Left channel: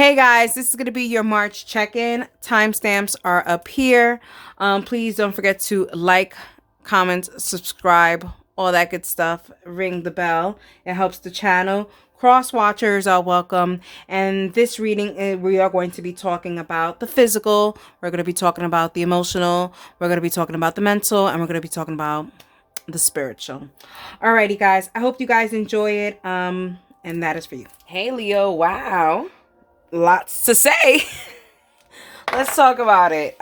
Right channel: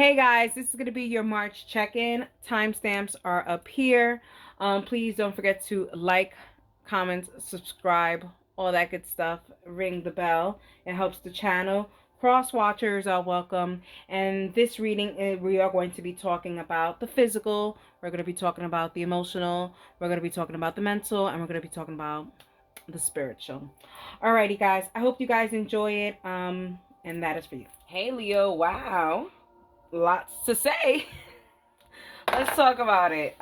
Hey guys, this is going to be your March check-in. Timestamps are up here. Please don't forget to like, comment, subscribe, all that good stuff. Ring the bell. It helps the channel. Cross watchers are welcome. And this reading, we are going to be talking about the physical. We're going to be talking about the emotional. We're going to be talking about the mental. And we're going to be talking about the spiritual. Alrighty, guys. I hope you guys enjoy it. And that is for you. Hey, Leo. Wow. Lots to say. Let's talk about it.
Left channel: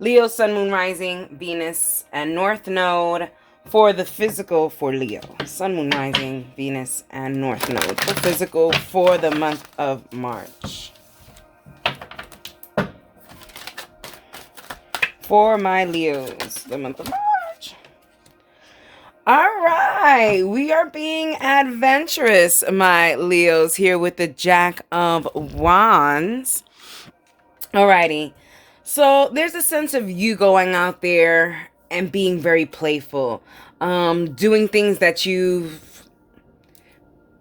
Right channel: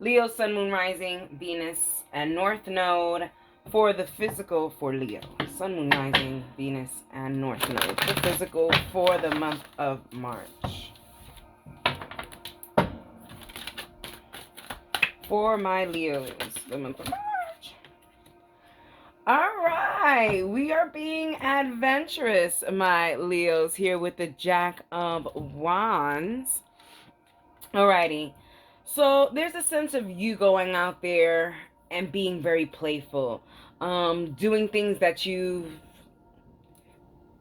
Leo, Sun, Moon, Rising, Venus, and North Node for the physical for Leo. Sun, Moon, Rising, Venus, and North Node for physical for the month of March. For my Leos, the month of March. All right, we are being adventurous, my Leos, here with the Jack of Wands. Alrighty, so there's a sense of you going out there and being very playful, doing things that you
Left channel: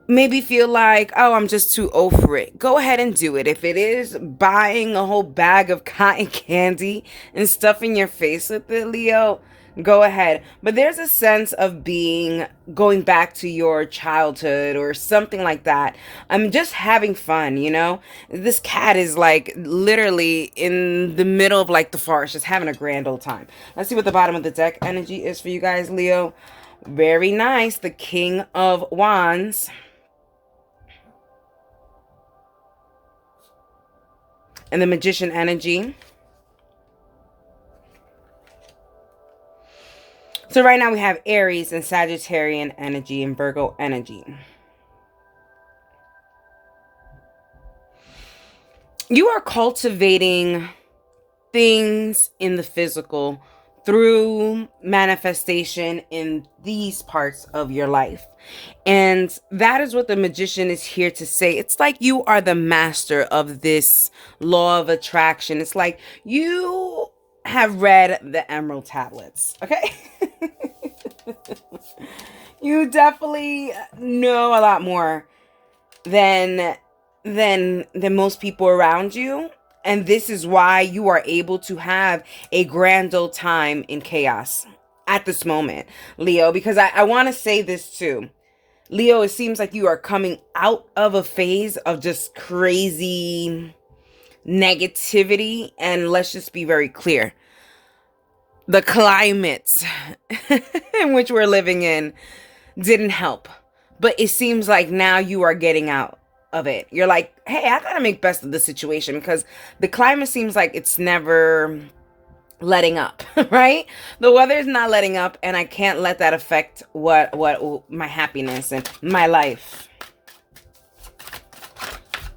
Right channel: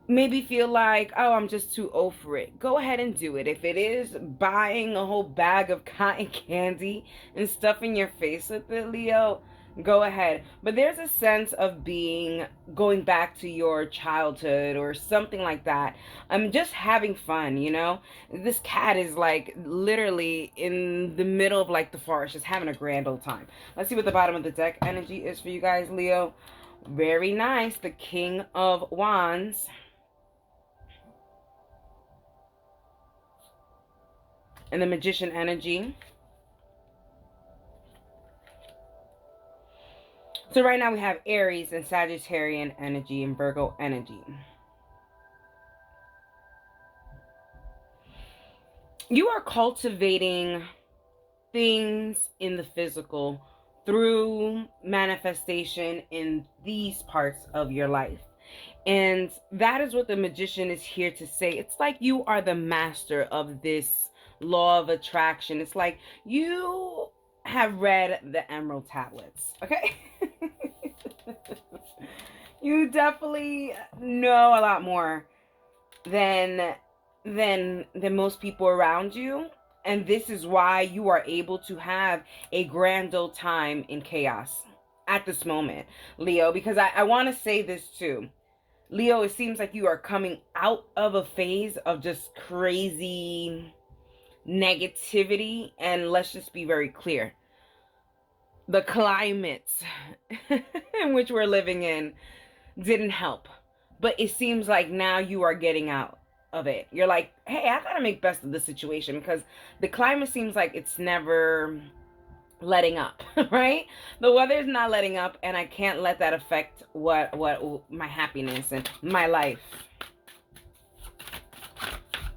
maybe feel like, oh, I'm just too old for it. Go ahead and do it. If it is buying a whole bag of cotton candy and stuffing your face with it, Leo, go ahead. But there's a sense of going back to your childhood or something like that. I'm just having fun, you know? This cat is like literally in the middle of like the forest, just having a grand old time. Let's see what the bottom of the deck energy is for you guys, Leo. Very nice. The King of Wands. And the Magician energy. So right now we have Aries and Sagittarian energy and Virgo energy. You are cultivating things in the physical through manifestation in these parts of your life. And that is what the Magician is here to say. It's like you are the master of this law of attraction. It's like you have read the Emerald Tablets, okay? You definitely know a lot more than most people around you. And this is why you are able to have a grand old time in chaos at this moment, Leo, because I want to say this too. Leo, it seems like you are coming out of a phase of just crazy negativity. And let's just be very clear. The climate in which we're living in didn't help. But it seems like now you are getting out of it. You're like, hey, I gotta make best of the situation because the climate seems like it's never letting up, right? The weather's not letting up, and I can't let that affect what my happiness and my life.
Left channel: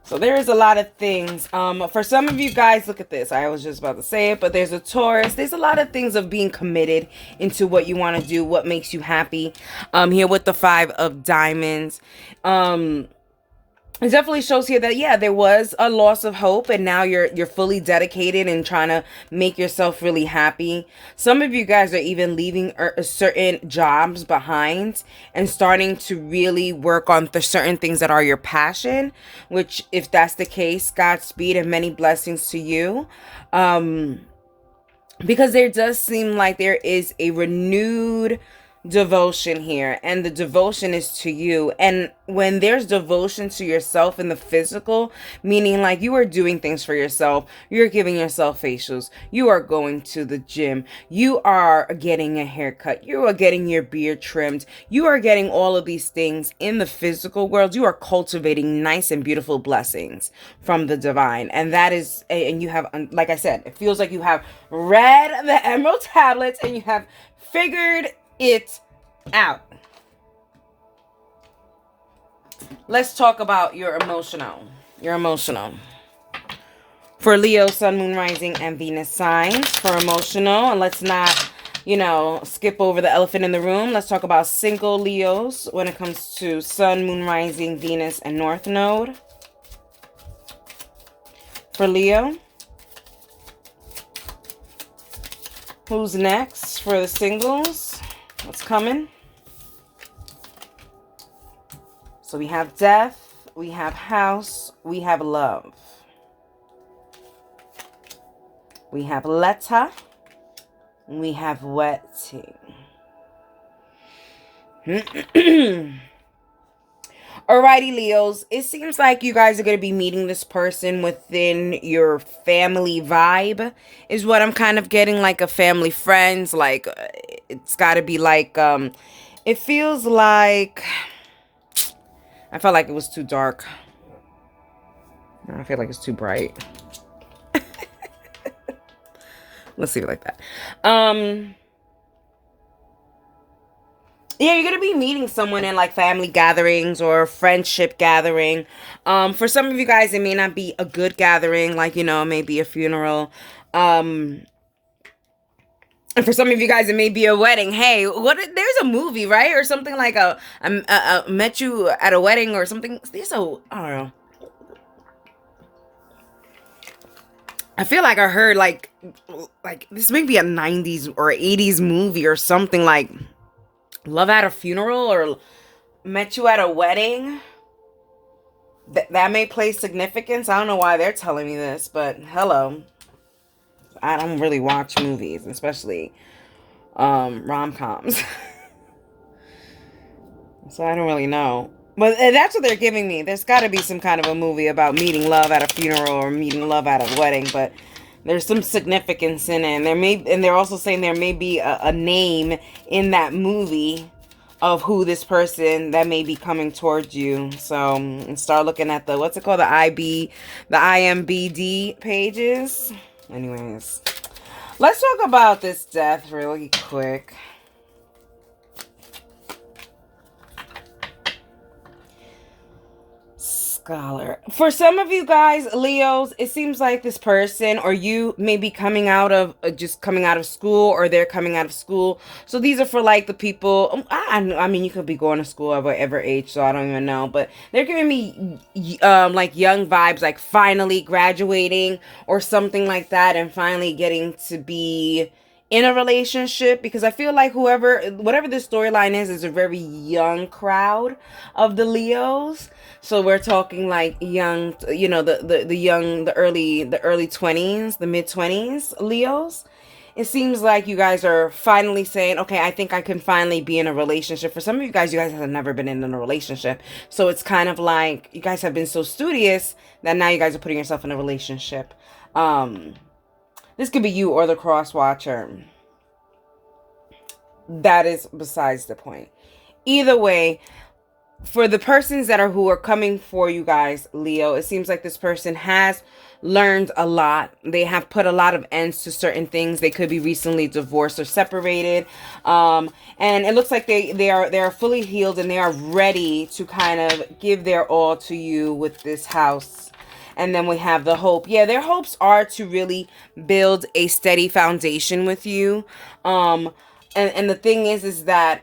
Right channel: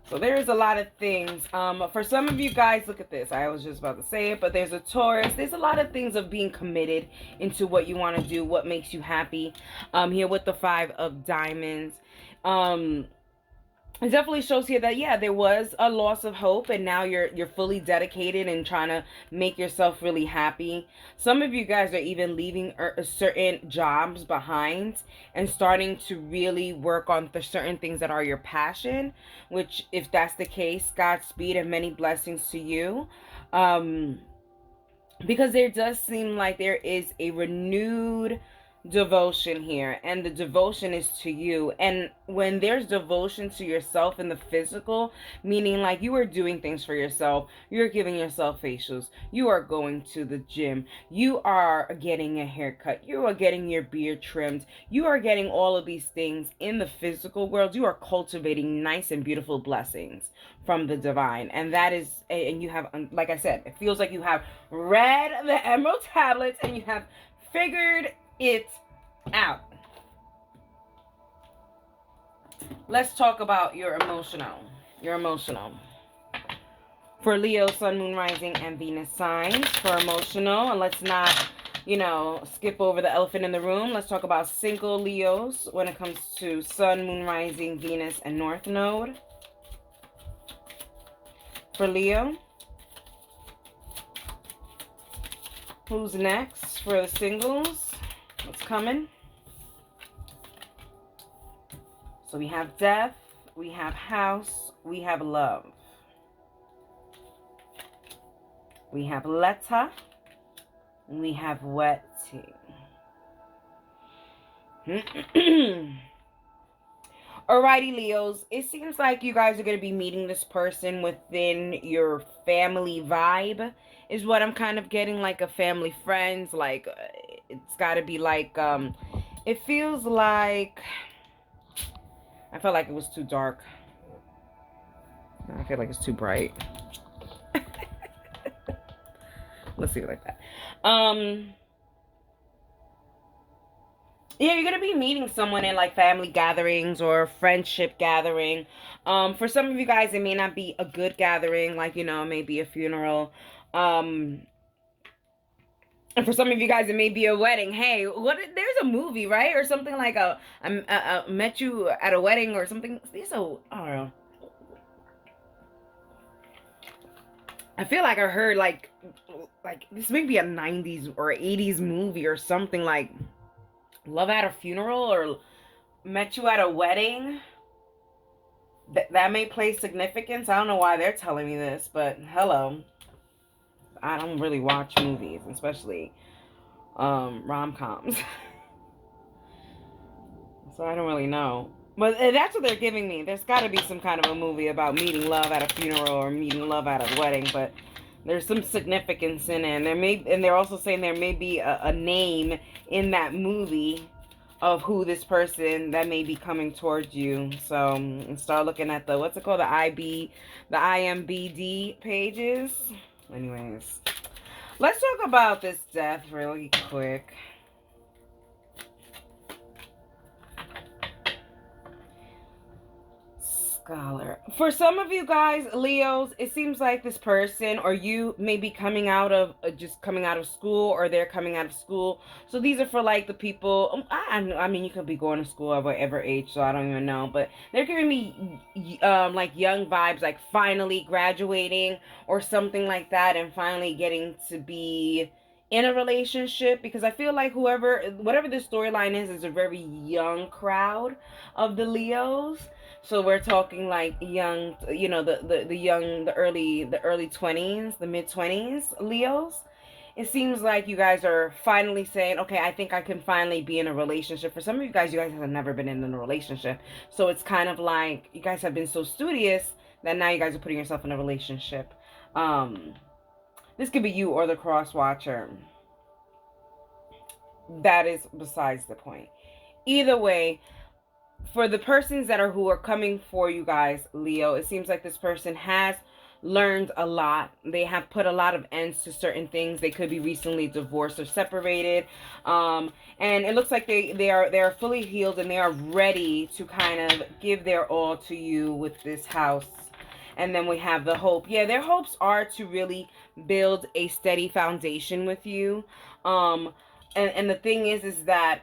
So there's a lot of things. For some of you guys, look at this. I was just about to say it, but there's a Taurus. There's a lot of things of being committed into what you want to do, what makes you happy. Here with the 5 of Diamonds. It definitely shows here that, yeah, there was a loss of hope, and now you're fully dedicated and trying to make yourself really happy. Some of you guys are even leaving certain jobs behind and starting to really work on the certain things that are your passion, which, if that's the case, Godspeed and many blessings to you. Because there does seem like there is a renewed devotion here, and the devotion is to you. And when there's devotion to yourself in the physical, meaning like you are doing things for yourself, you're giving yourself facials, you are going to the gym, you are getting a haircut, you are getting your beard trimmed, you are getting all of these things in the physical world, you are cultivating nice and beautiful blessings from the divine. And that is, and you have, like I said, it feels like you have read the Emerald Tablets and you have figured it out. Let's talk about your emotional. For Leo, Sun, Moon, Rising, and Venus signs for emotional. And let's not, skip over the elephant in the room. Let's talk about single Leos when it comes to Sun, Moon, Rising, Venus, and North Node. For Leo. Who's next for the singles? What's coming? So we have death, we have house, we have love. We have letter. We have wedding. Alrighty, Leos. It seems like you guys are going to be meeting this person within your family vibe, is what I'm kind of getting, like a family friends. Like, it's got to be like, it feels like, I felt like it was too dark. I feel like it's too bright. Let's leave it like that. Yeah, you're gonna be meeting someone in like family gatherings or friendship gathering. For some of you guys, it may not be a good gathering, like, you know, maybe a funeral. And for some of you guys, it may be a wedding. Hey, there's a movie, right? Or something like a met you at a wedding or something. There's a, I don't know. I feel like I heard like this may be a 90s or 80s movie or something, like Love at a Funeral or Met You at a Wedding. That may play significance. I don't know why they're telling me this, but hello. I don't really watch movies, especially rom-coms. So I don't really know. But that's what they're giving me. There's got to be some kind of a movie about meeting love at a funeral or meeting love at a wedding, but there's some significance in it. And they're also saying there may be a name in that movie of who this person that may be coming towards you. So start looking at the, what's it called? The IMBD pages. Anyways, let's talk about this death really quick. Scholar. For some of you guys, Leos, it seems like this person or you may be coming out of just coming out of school, or they're coming out of school. So these are for like the people. I mean, you could be going to school at whatever age, so I don't even know. But they're giving me like young vibes, like finally graduating or something like that, and finally getting to be in a relationship, because I feel like whatever this storyline is a very young crowd of the Leos. So we're talking like young, you know, the early 20s, the mid 20s Leos. It seems like you guys are finally saying, okay, I think I can finally be in a relationship. For some of you guys have never been in a relationship. So it's kind of like you guys have been so studious that now you guys are putting yourself in a relationship. This could be you or the cross watcher. That is besides the point. Either way, for the persons who are coming for you guys, Leo, it seems like this person has learned a lot. They have put a lot of ends to certain things. They could be recently divorced or separated. And it looks like they are fully healed and they are ready to kind of give their all to you with this house. And then we have the hope. Yeah, their hopes are to really build a steady foundation with you. And the thing is that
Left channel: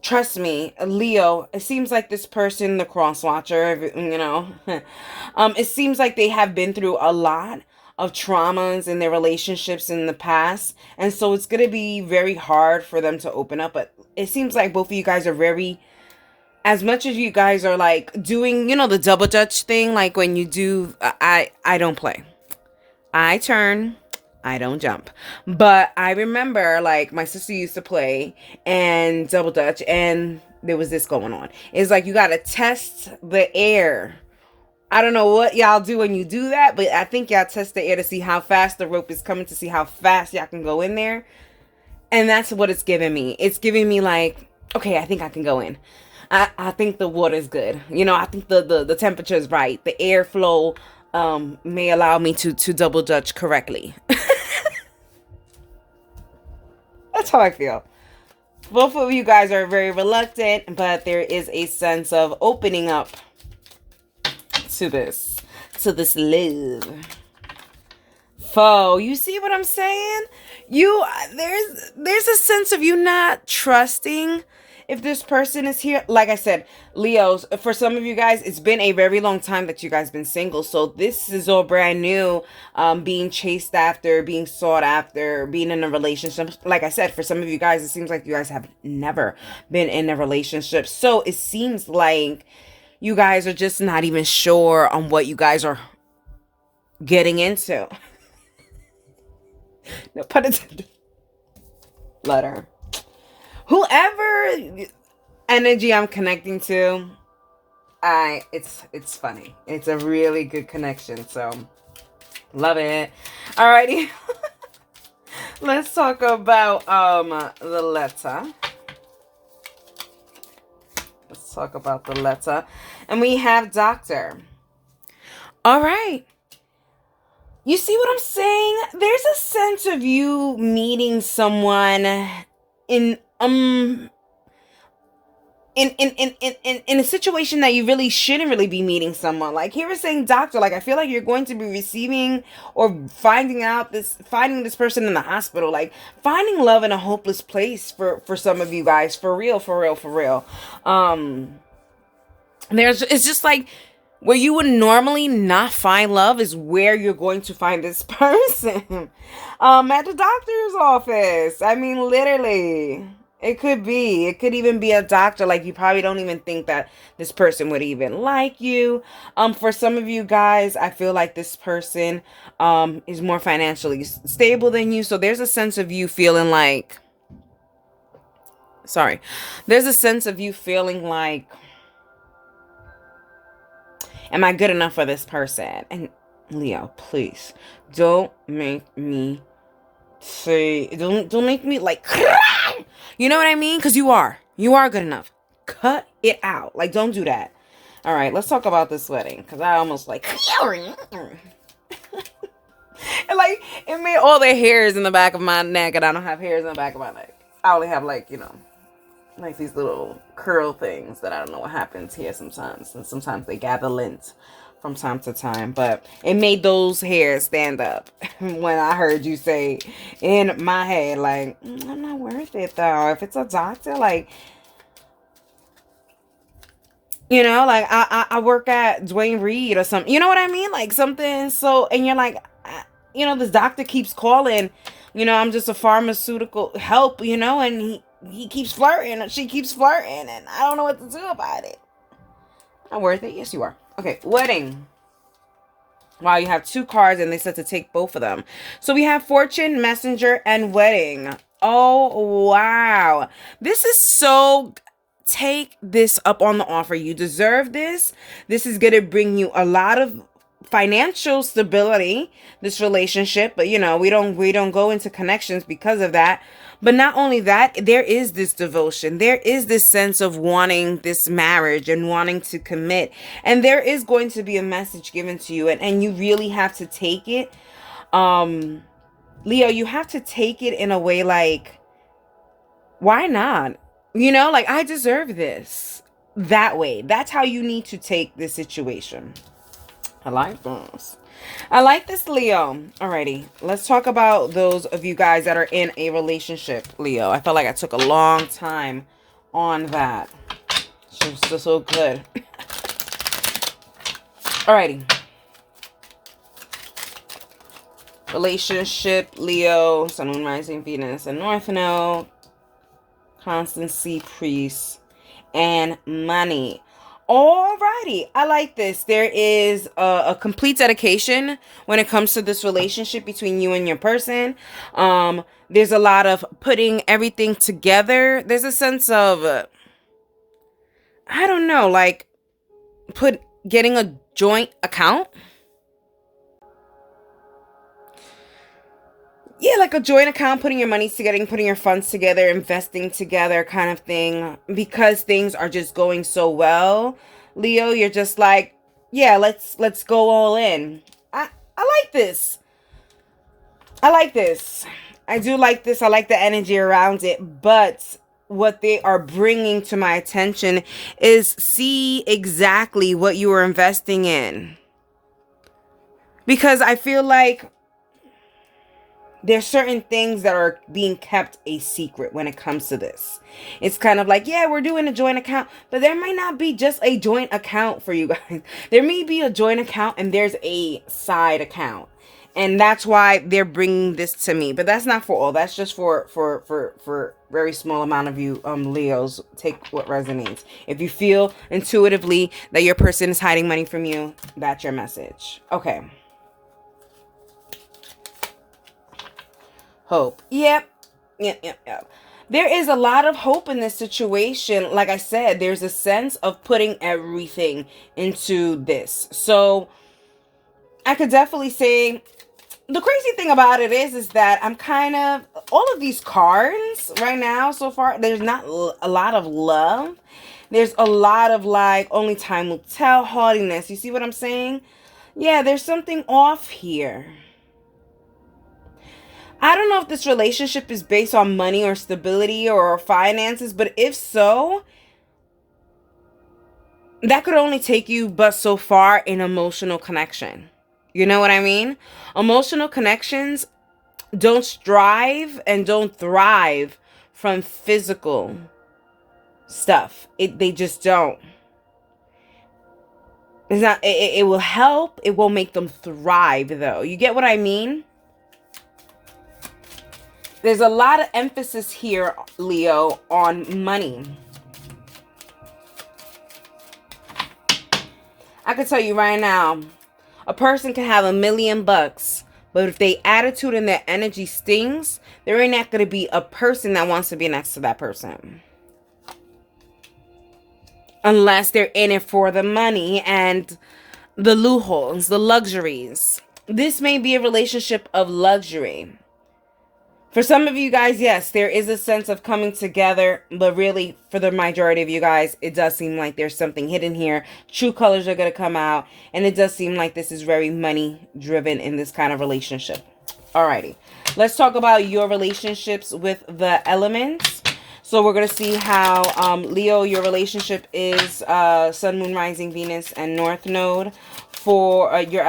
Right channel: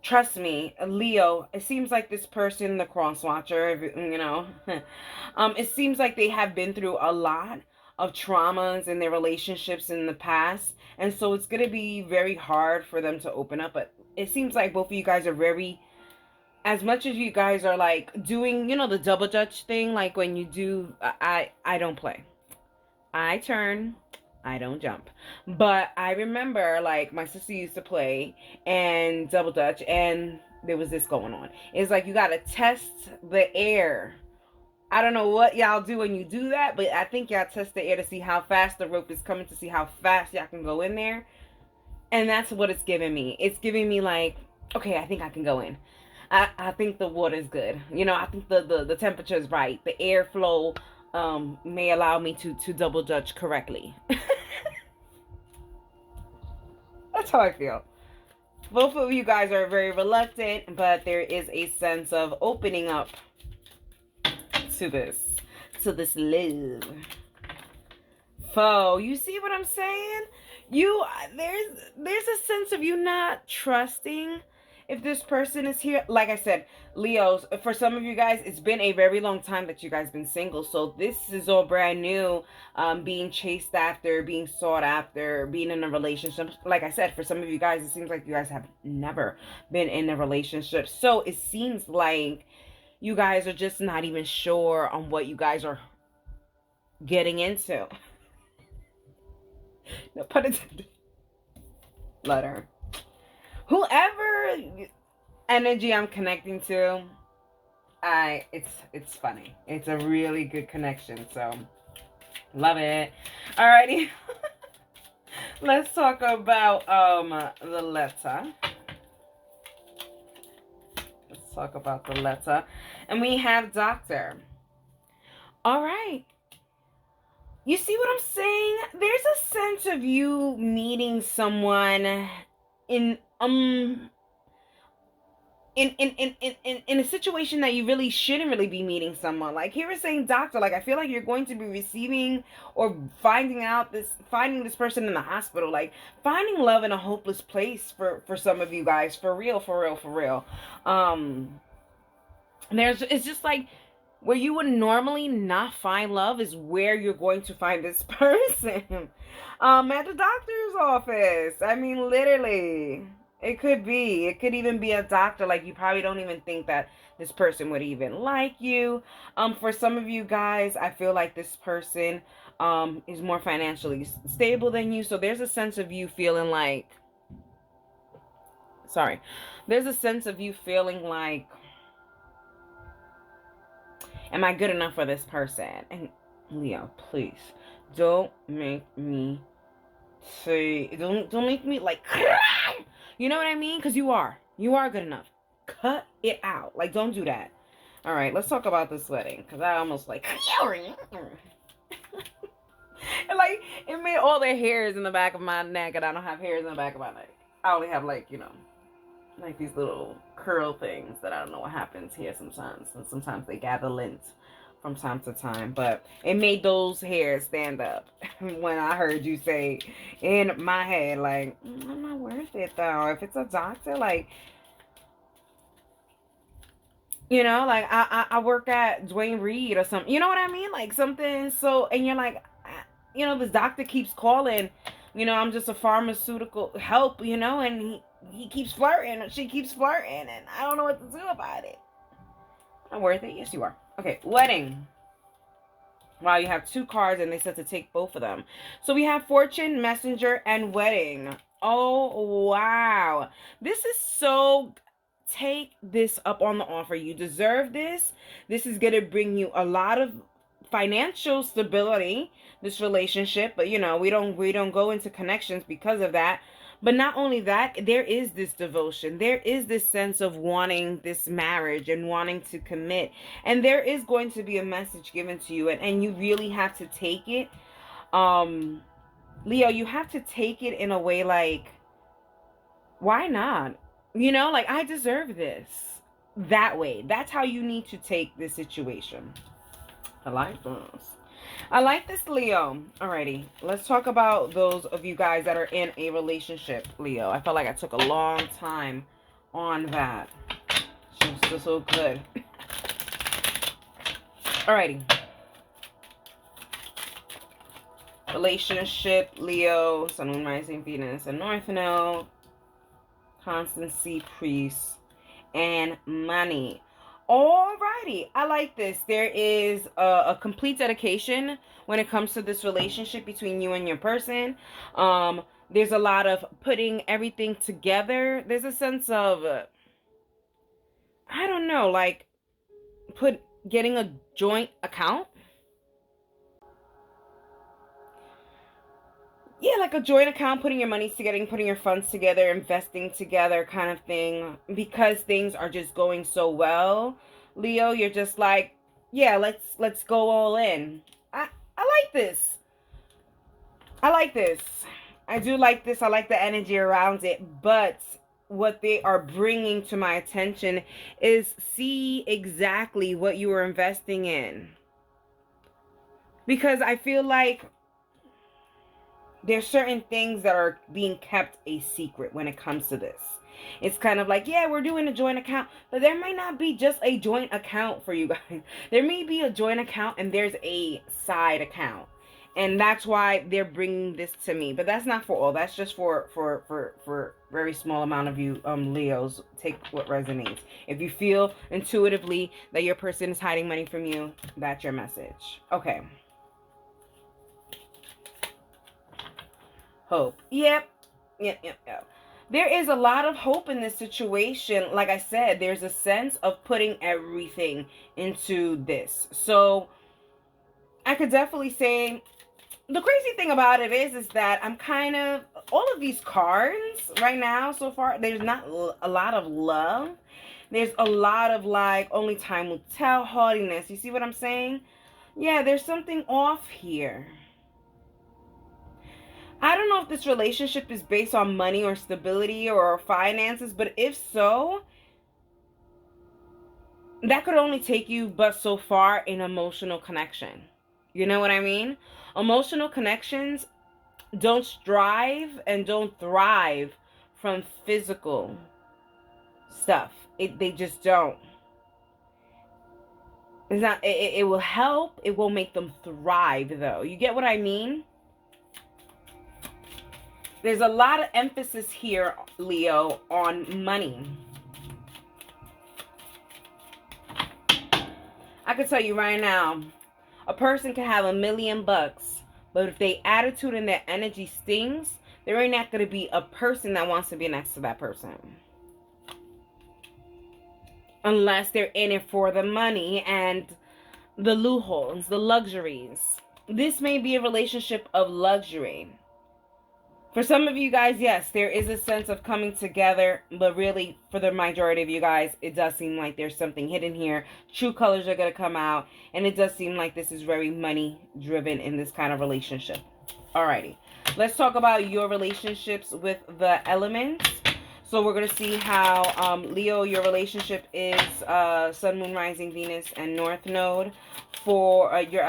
trust me, Leo, it seems like this person, the cross watcher, you know, it seems like they have been through a lot of traumas in their relationships in the past. And so it's going to be very hard for them to open up. But it seems like both of you guys are very, as much as you guys are like doing, you know, the double dutch thing, like when you do, I don't play. I turn, I don't jump. But I remember like my sister used to play and double dutch, and there was this going on. It's like you got to test the air. I don't know what y'all do when you do that, but I think y'all test the air to see how fast the rope is coming, to see how fast y'all can go in there. And that's what it's giving me. It's giving me like, okay, I think I can go in. I think the water is good. You know, I think the temperature is right. The airflow may allow me to double dutch correctly. That's how I feel. Both of you guys are very reluctant, but there is a sense of opening up to this love. Foe, you see what I'm saying? There's a sense of you not trusting if this person is here. Like I said, Leos, for some of you guys, it's been a very long time that you guys been single. So this is all brand new, being chased after, being sought after, being in a relationship. Like I said, for some of you guys, it seems like you guys have never been in a relationship. So it seems like you guys are just not even sure on what you guys are getting into. No pun intended. Letter. Whoever energy I'm connecting to, it's funny. It's a really good connection. So love it. Alrighty. Let's talk about the letter. Let's talk about the letter. And we have doctor. All right. You see what I'm saying? There's a sense of you meeting someone in in a situation that you really shouldn't really be meeting someone. Like here is saying doctor, like I feel like you're going to be receiving or finding this person in the hospital, like finding love in a hopeless place for some of you guys, for real. It's just like where you would normally not find love is where you're going to find this person. At the doctor's office. I mean, literally. It could be. It could even be a doctor. Like, you probably don't even think that this person would even like you. For some of you guys, I feel like this person is more financially stable than you. So there's a sense of you feeling like... Sorry. There's a sense of you feeling like... Am I good enough for this person? And Leo, please don't make me say, don't make me like, you know what I mean? Because you are good enough. Cut it out. Like, don't do that. All right, let's talk about this wedding. Because I almost like, and like, it made all the hairs in the back of my neck, and I don't have hairs in the back of my neck. I only have like, like these little curl things that I don't know what happens here sometimes. And sometimes they gather lint from time to time. But it made those hairs stand up when I heard you say in my head, like, I'm not worth it though. If it's a doctor, like, like I work at Dwayne Reed or something. You know what I mean? Like something so, and you're like, this doctor keeps calling, I'm just a pharmaceutical help, and he keeps flirting, and she keeps flirting, and I don't know what to do about it. Not worth it? Yes, you are. Okay, wedding. Wow, you have 2 cards, and they said to take both of them. So we have fortune, messenger, and wedding. Oh, wow. This is so... Take this up on the offer. You deserve this. This is going to bring you a lot of financial stability, this relationship. But, we don't go into connections because of that. But not only that, there is this devotion. There is this sense of wanting this marriage and wanting to commit. And there is going to be a message given to you. And you really have to take it. Leo, you have to take it in a way like, why not? Like, I deserve this. That way. That's how you need to take this situation. I like this. I like this, Leo. Alrighty, let's talk about those of you guys that are in a relationship, Leo. I felt like I took a long time on that. She was still so good. Alrighty. Relationship, Leo, Sun, Moon, Rising, Venus, and North Node. Constancy, priest, and money. Alrighty, I like this. There is a complete dedication when it comes to this relationship between you and your person. There's a lot of putting everything together. There's a sense of, I don't know, like getting a joint account. Yeah, like a joint account, putting your money together, putting your funds together, investing together kind of thing. Because things are just going so well, Leo, you're just like, yeah, let's go all in. I like this. I like this. I do like this. I like the energy around it. But what they are bringing to my attention is see exactly what you are investing in. Because I feel like there's certain things that are being kept a secret when it comes to this. It's kind of like, yeah, we're doing a joint account, but there might not be just a joint account for you guys. There may be a joint account and there's a side account. And that's why they're bringing this to me. But that's not for all. That's just for very small amount of you Leos. Take what resonates. If you feel intuitively that your person is hiding money from you, that's your message. Okay. Hope. Yep. Yep. There is a lot of hope in this situation. Like I said, there's a sense of putting everything into this. So I could definitely say the crazy thing about it is that I'm kind of, all of these cards right now so far, there's not a lot of love. There's a lot of like, only time will tell, haughtiness. You see what I'm saying? Yeah, there's something off here. I don't know if this relationship is based on money or stability or finances, but if so, that could only take you but so far in emotional connection. You know what I mean? Emotional connections don't strive and don't thrive from physical stuff. They just don't. It's not. It will help. It won't make them thrive, though. You get what I mean? There's a lot of emphasis here, Leo, on money. I can tell you right now, a person can have $1 million, but if their attitude and their energy stings, there ain't not going to be a person that wants to be next to that person. Unless they're in it for the money and the lujos, the luxuries. This may be a relationship of luxury. For some of you guys, yes, there is a sense of coming together, but really, for the majority of you guys, it does seem like there's something hidden here. True colors are going to come out, and it does seem like this is very money-driven in this kind of relationship. Alrighty, let's talk about your relationships with the elements. So we're going to see how, Leo, your relationship is Sun, Moon, Rising, Venus, and North Node. For your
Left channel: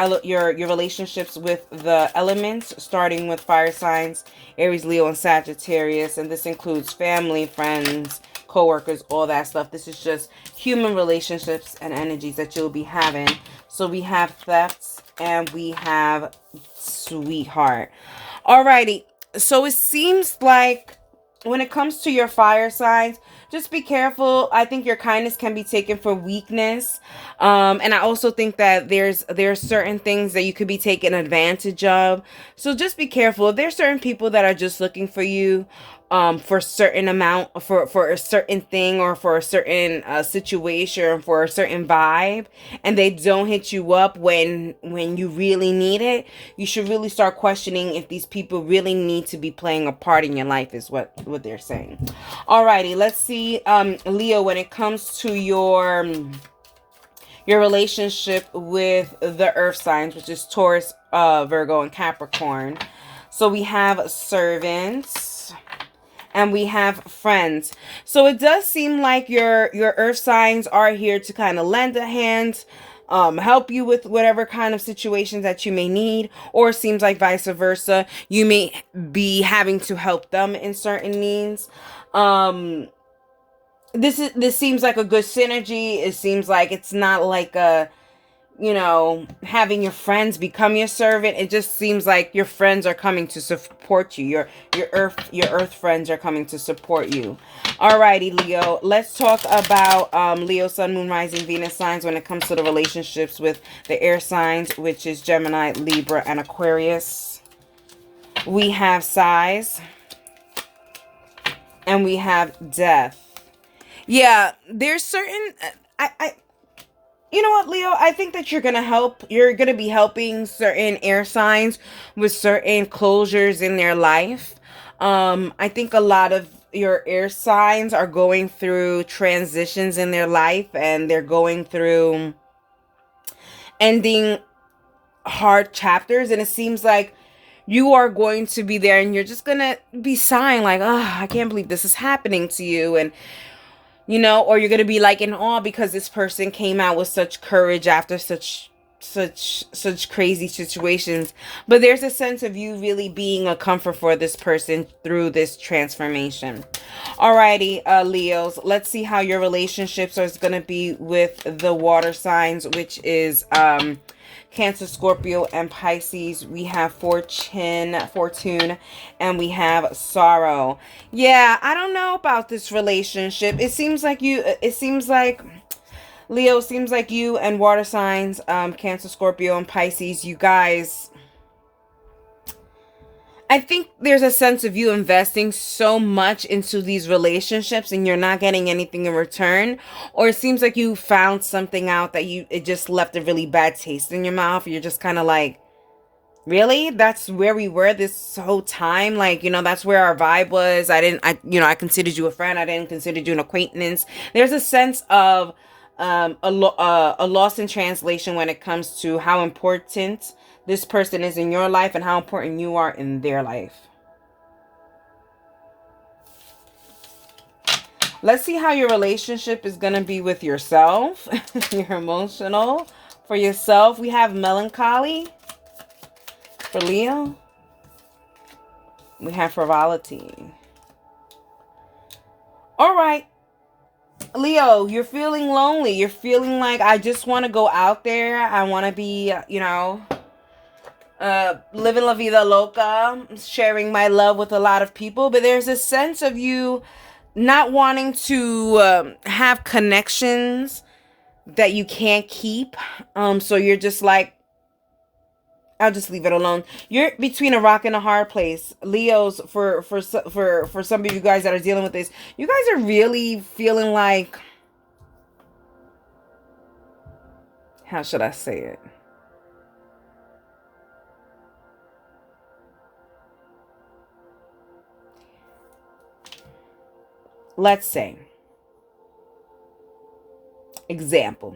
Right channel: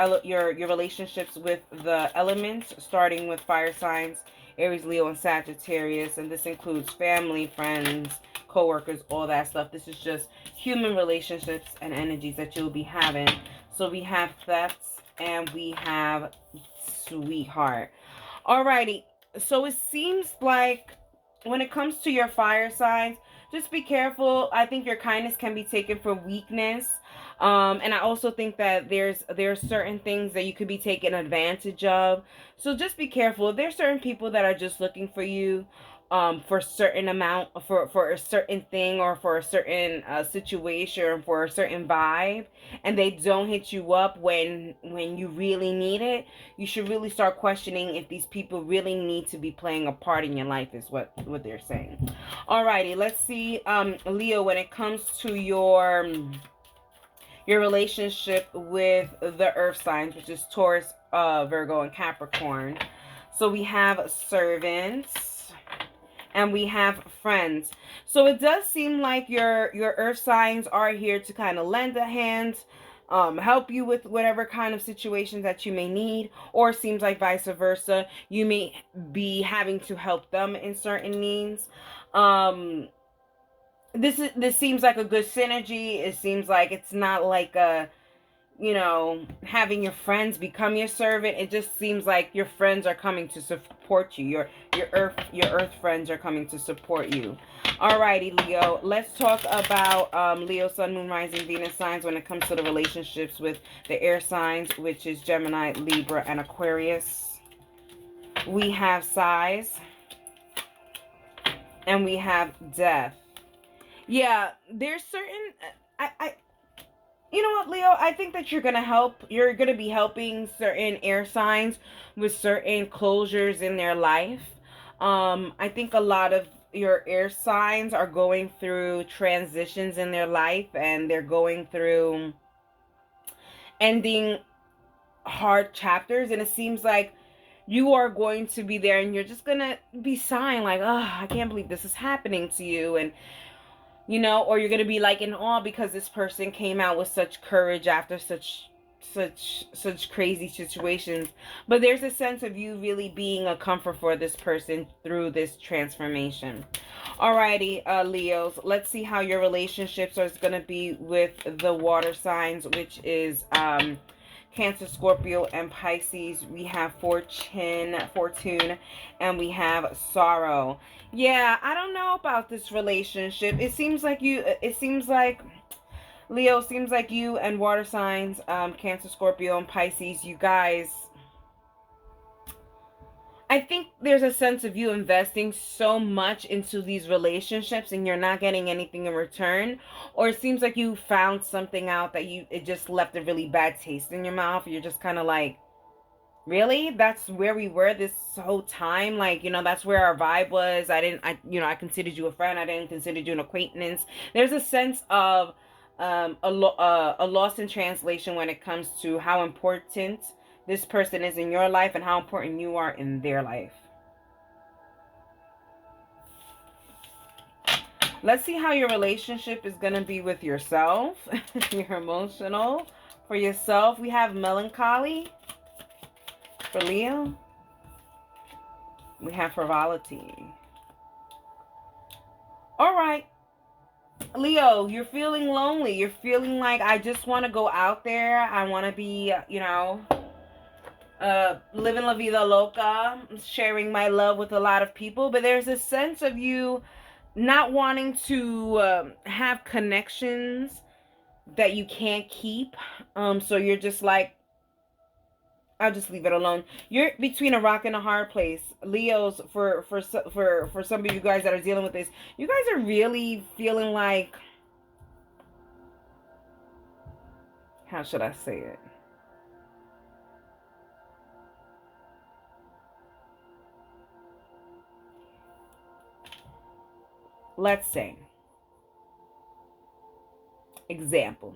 relationships with the elements, starting with fire signs, Aries, Leo, and Sagittarius. And this includes family, friends, co-workers, all that stuff. This is just human relationships and energies that you'll be having. So we have thefts and we have sweetheart. Alrighty. So it seems like when it comes to your fire signs, just be careful. I think your kindness can be taken for weakness. And I also think that there's certain things that you could be taken advantage of. So just be careful. If there's certain people that are just looking for you for a certain amount, for a certain thing, or for a certain situation, for a certain vibe, and they don't hit you up when you really need it, you should really start questioning if these people really need to be playing a part in your life, is what they're saying. Alrighty, let's see, Leo, when it comes to your relationship with the earth signs, which is Taurus, Virgo, and Capricorn. So we have servants and we have friends. So it does seem like your earth signs are here to kind of lend a hand, help you with whatever kind of situations that you may need, or it seems like vice versa. You may be having to help them in certain needs. This seems like a good synergy. It seems like it's not like a, having your friends become your servant. It just seems like your friends are coming to support you. Your earth friends are coming to support you. Alrighty, Leo. Let's talk about Leo, Sun, Moon, Rising, Venus signs when it comes to the relationships with the air signs, which is Gemini, Libra, and Aquarius. We have size. And we have death. Yeah, there's certain... You know what, Leo? I think that you're going to be helping certain air signs with certain closures in their life. I think a lot of your air signs are going through transitions in their life, and they're going through ending hard chapters, and it seems like you are going to be there and you're just going to be sighing like, oh, I can't believe this is happening to you. And or you're going to be like in awe because this person came out with such courage after such crazy situations. But there's a sense of you really being a comfort for this person through this transformation. Alrighty, Leos, let's see how your relationships are going to be with the water signs, which is Cancer, Scorpio, and Pisces. We have fortune, and we have sorrow. Yeah, I don't know about this relationship. It seems like Leo, seems like you and water signs, Cancer, Scorpio, and Pisces, you guys, I think there's a sense of you investing so much into these relationships and you're not getting anything in return, or it seems like you found something out that it just left a really bad taste in your mouth. You're just kind of like, really? That's where we were this whole time? Like, that's where our vibe was. I considered you a friend. I didn't consider you an acquaintance. There's a sense of a loss in translation when it comes to how important this person is in your life and how important you are in their life. Let's see how your relationship is going to be with yourself. Your emotional. For yourself, we have melancholy. For Leo, we have frivolity. All right. Leo, you're feeling lonely. You're feeling like, I just want to go out there. I want to be, living la vida loca, sharing my love with a lot of people. But there's a sense of you not wanting to have connections that you can't keep. So you're just like, I'll just leave it alone. You're between a rock and a hard place. Leos, for some of you guys that are dealing with this, you guys are really feeling like, how should I say it? Let's say, example,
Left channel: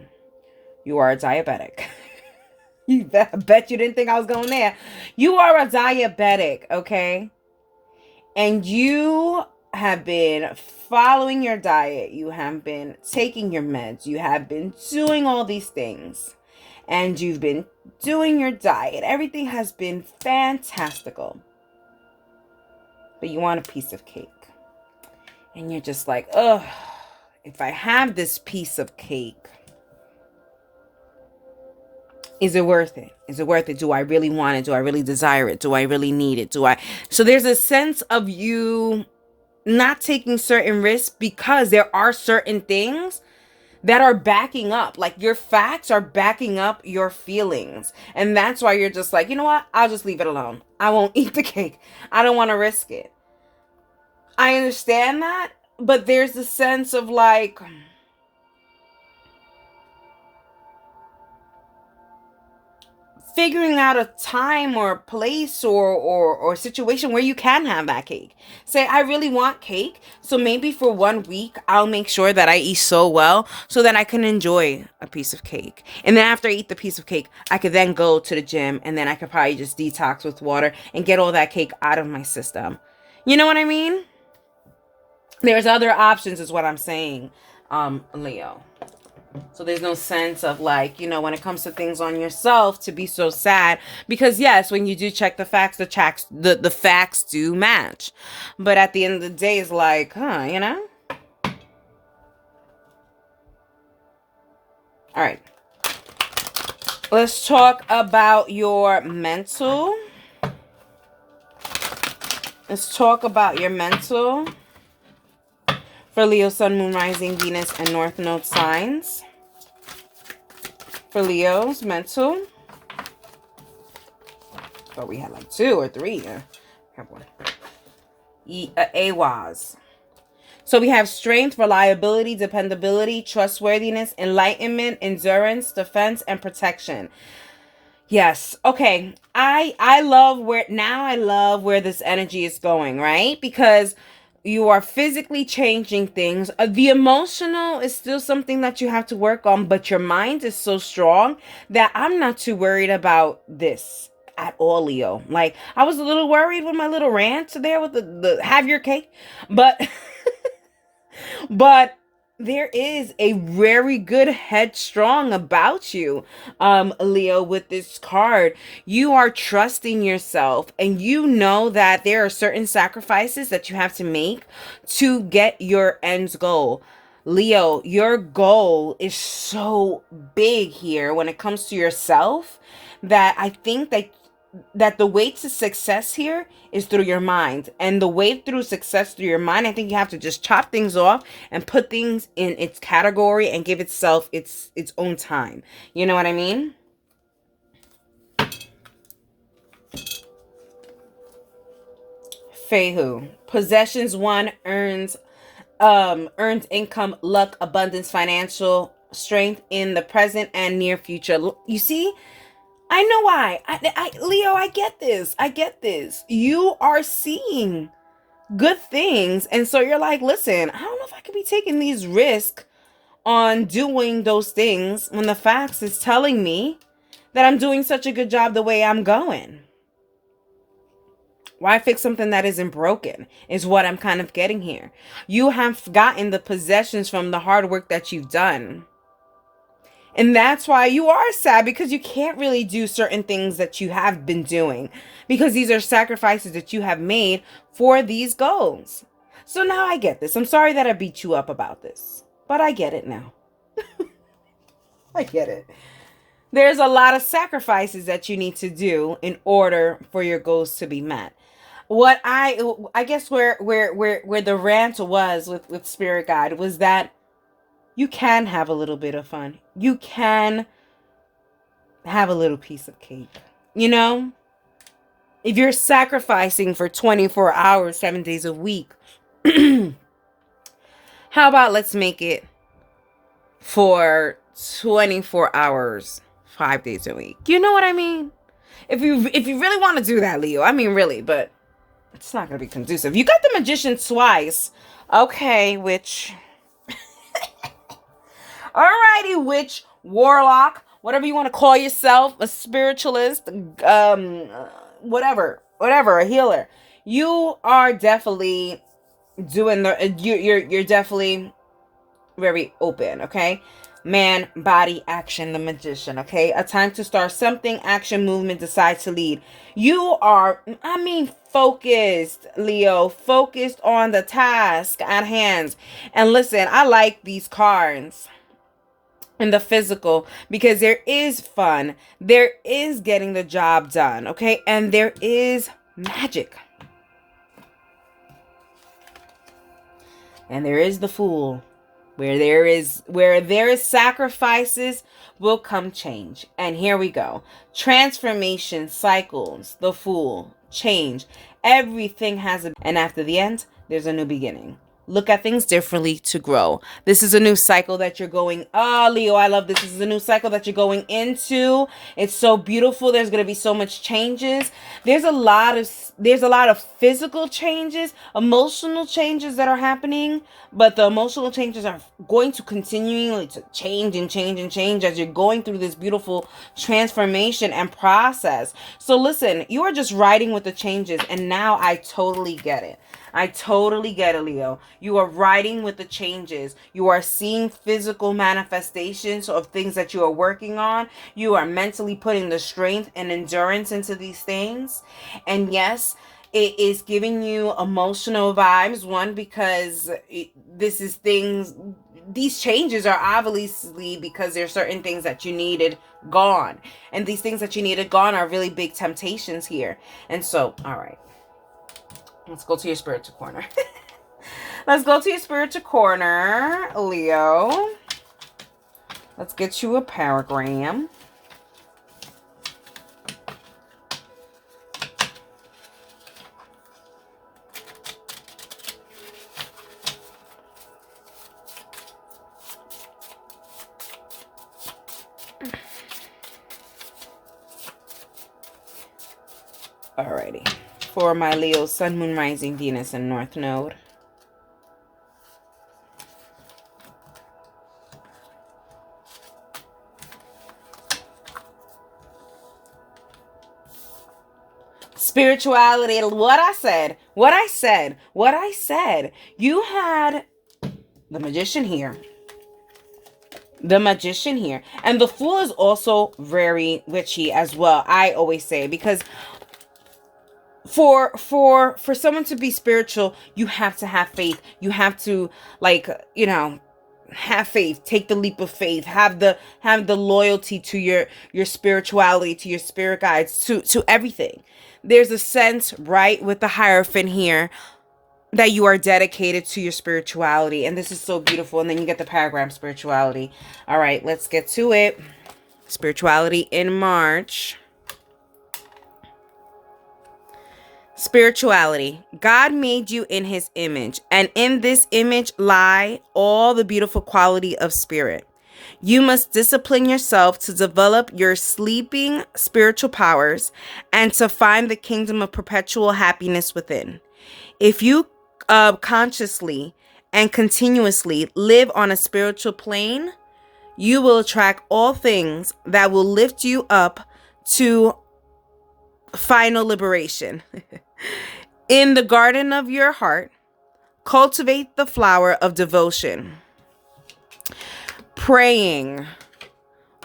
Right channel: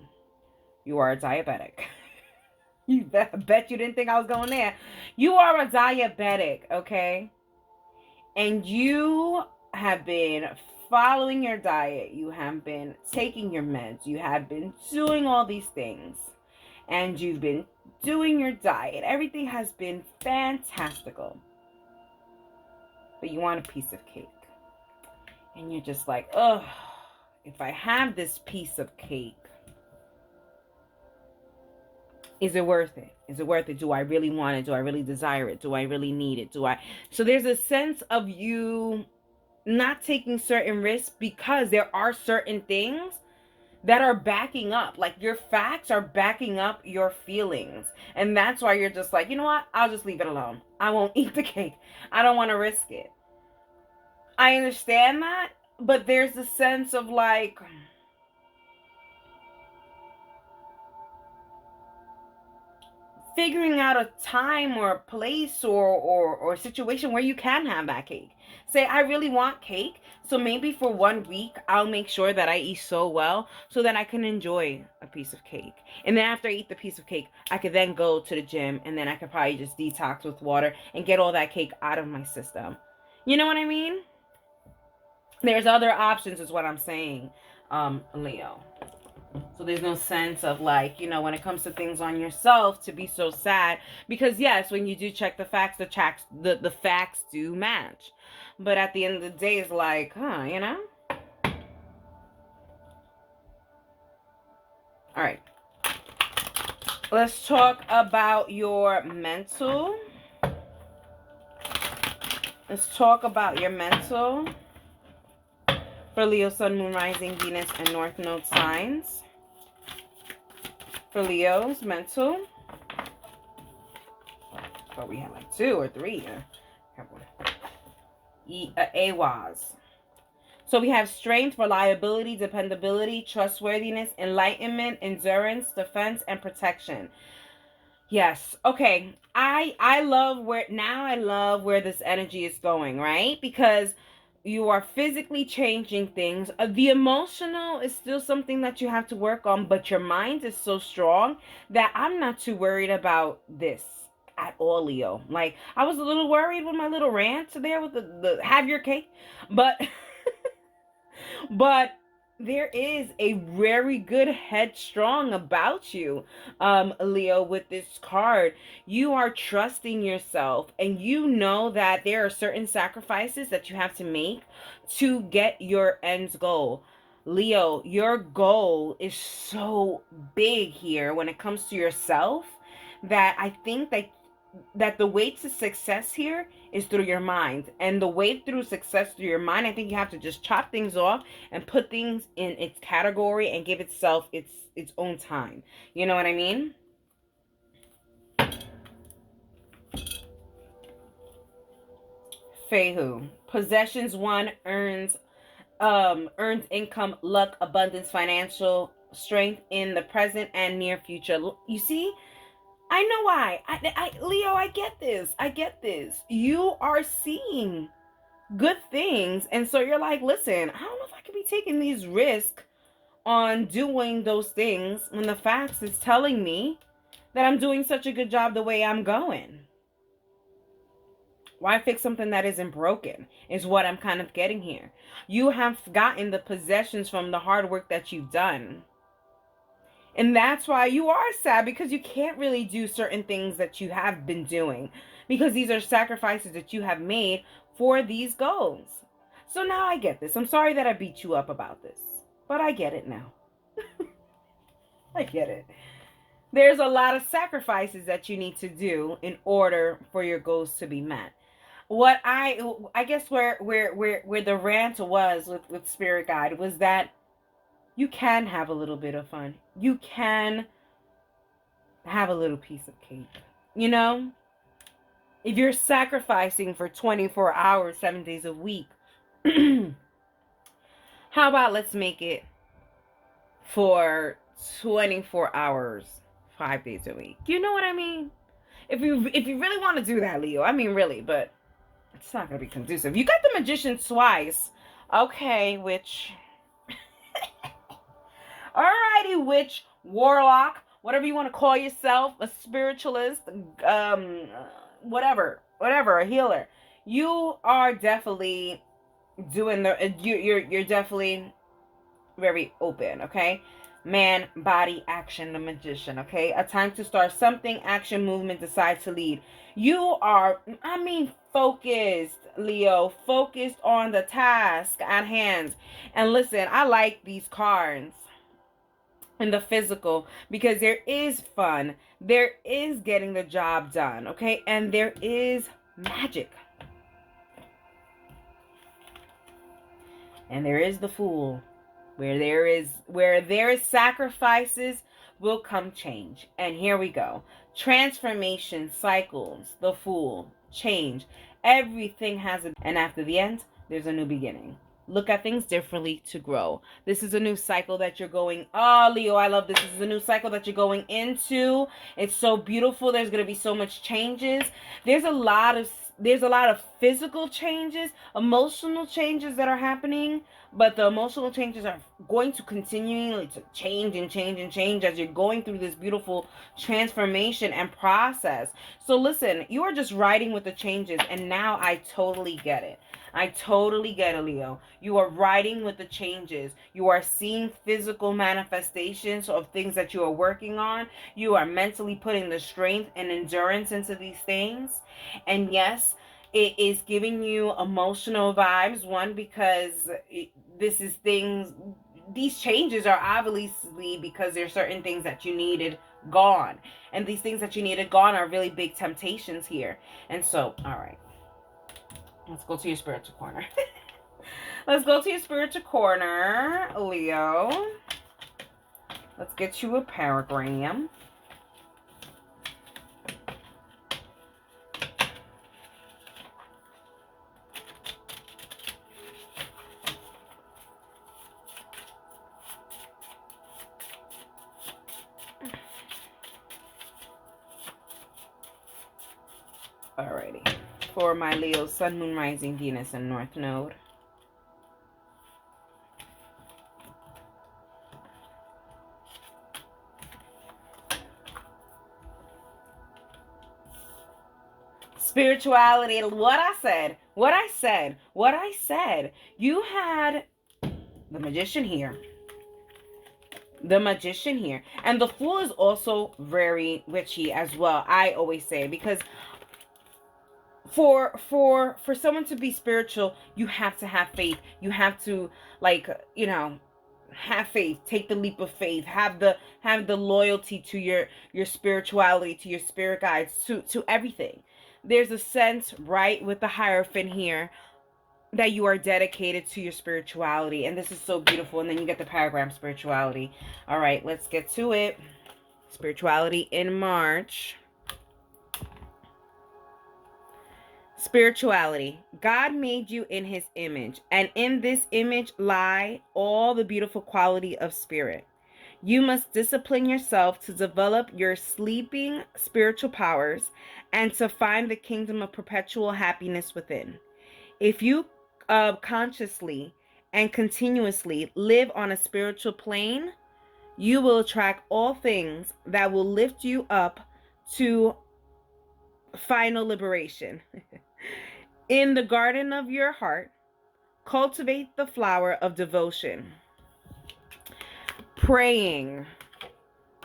you are a diabetic. I bet you didn't think I was going there. You are a diabetic, okay? And you have been following your diet. You have been taking your meds. You have been doing all these things. And you've been doing your diet. Everything has been fantastical. But you want a piece of cake. And you're just like, oh, if I have this piece of cake, is it worth it? Is it worth it? Do I really want it? Do I really desire it? Do I really need it? So there's a sense of you not taking certain risks because there are certain things that are backing up. Like, your facts are backing up your feelings. And that's why you're just like, you know what? I'll just leave it alone. I won't eat the cake. I don't want to risk it. I understand that, but there's a sense of like, figuring out a time or a place or situation where you can have that cake. Say, I really want cake, so maybe for 1 week I'll make sure that I eat so well so that I can enjoy a piece of cake. And then after I eat the piece of cake, I could then go to the gym, and then I could probably just detox with water and get all that cake out of my system. You know what I mean? There's other options is what I'm saying, Leo. So there's no sense of like, when it comes to things on yourself, to be so sad, because yes, when you do check the facts, the facts do match. But at the end of the day, it's like, All right. Let's talk about your mental. Let's talk about your mental for Leo, Sun, Moon, Rising, Venus, and North Node signs. For Leo's mental. Oh, we have like 2 or 3. AWAS. So we have strength, reliability, dependability, trustworthiness, enlightenment, endurance, defense, and protection. Yes. Okay. I love where this energy is going, right? Because you are physically changing things. The emotional is still something that you have to work on, but your mind is so strong that I'm not too worried about this at all, Leo. Like, I was a little worried with my little rant there with the have your cake, but but there is a very good headstrong about you, Leo, with this card. You are trusting yourself, and you know that there are certain sacrifices that you have to make to get your end's goal. Leo, your goal is so big here when it comes to yourself, that I think that the way to success here is through your mind. And the way through success through your mind, I think you have to just chop things off and put things in its category and give itself its own time. You know what I mean? Fehu. Possessions 1 earned income, luck, abundance, financial strength in the present and near future. You see, I know why. Leo, I get this. I get this. You are seeing good things, and so you're like, listen, I don't know if I could be taking these risks on doing those things when the facts is telling me that I'm doing such a good job the way I'm going. Why fix something that isn't broken is what I'm kind of getting here. You have gotten the possessions from the hard work that you've done. And that's why you are sad, because you can't really do certain things that you have been doing, because these are sacrifices that you have made for these goals. So now I get this. I'm sorry that I beat you up about this, but I get it now. I get it. There's a lot of sacrifices that you need to do in order for your goals to be met. What I guess where the rant was with Spirit Guide was that you can have a little bit of fun. You can have a little piece of cake. You know? If you're sacrificing for 24 hours, 7 days a week, how about let's make it for 24 hours, 5 days a week? You know what I mean? If you really want to do that, Leo, I mean really, but it's not going to be conducive. You got the Magician twice. Okay, witch. Alrighty, witch, warlock, whatever you want to call yourself, a spiritualist, whatever, a healer. You are definitely doing you're definitely very open, okay? Man, body, action, the Magician, okay? A time to start something, action, movement, decide to lead. You are, focused, Leo, focused on the task at hand. And listen, I like these cards in the physical because there is fun. There is getting the job done, okay? And there is magic. And there is the Fool. Where there is sacrifices will come change. And here we go. Transformation, cycles, the Fool, change. Everything has and after the end, there's a new beginning. Look at things differently to grow. This is a new cycle that you're going. Oh, Leo, I love this. This is a new cycle that you're going into. It's so beautiful. There's going to be so much changes. There's a lot of physical changes, emotional changes that are happening, but the emotional changes are going to continually to change and change and change as you're going through this beautiful transformation and process. So listen, you are just riding with the changes, and now I totally get it. I totally get it, Leo. You are riding with the changes. You are seeing physical manifestations of things that you are working on. You are mentally putting the strength and endurance into these things. And yes, it is giving you emotional vibes. One, because these changes are obviously because there's certain things that you needed gone. And these things that you needed gone are really big temptations here. And so, all right. Let's go to your spiritual corner. Let's go to your spiritual corner, Leo. Let's get you a paragram. Alrighty. For my Leo, Sun, Moon, Rising, Venus, and North Node. Spirituality, what I said. You had the Magician here. And the Fool is also very witchy as well, I always say, because for someone to be spiritual, you have to have faith. You have to, have faith, take the leap of faith, have the loyalty to your spirituality, to your spirit guides, to everything. There's a sense, right, with the Hierophant here, that you are dedicated to your spirituality, and this is so beautiful. And then you get the paragraph, spirituality. All right, let's get to it. Spirituality in March. Spirituality. God made you in his image, and in this image lie all the beautiful quality of spirit. You must discipline yourself to develop your sleeping spiritual powers and to find the kingdom of perpetual happiness within. If you consciously and continuously live on a spiritual plane, you will attract all things that will lift you up to final liberation. In the garden of your heart, cultivate the flower of devotion. Praying,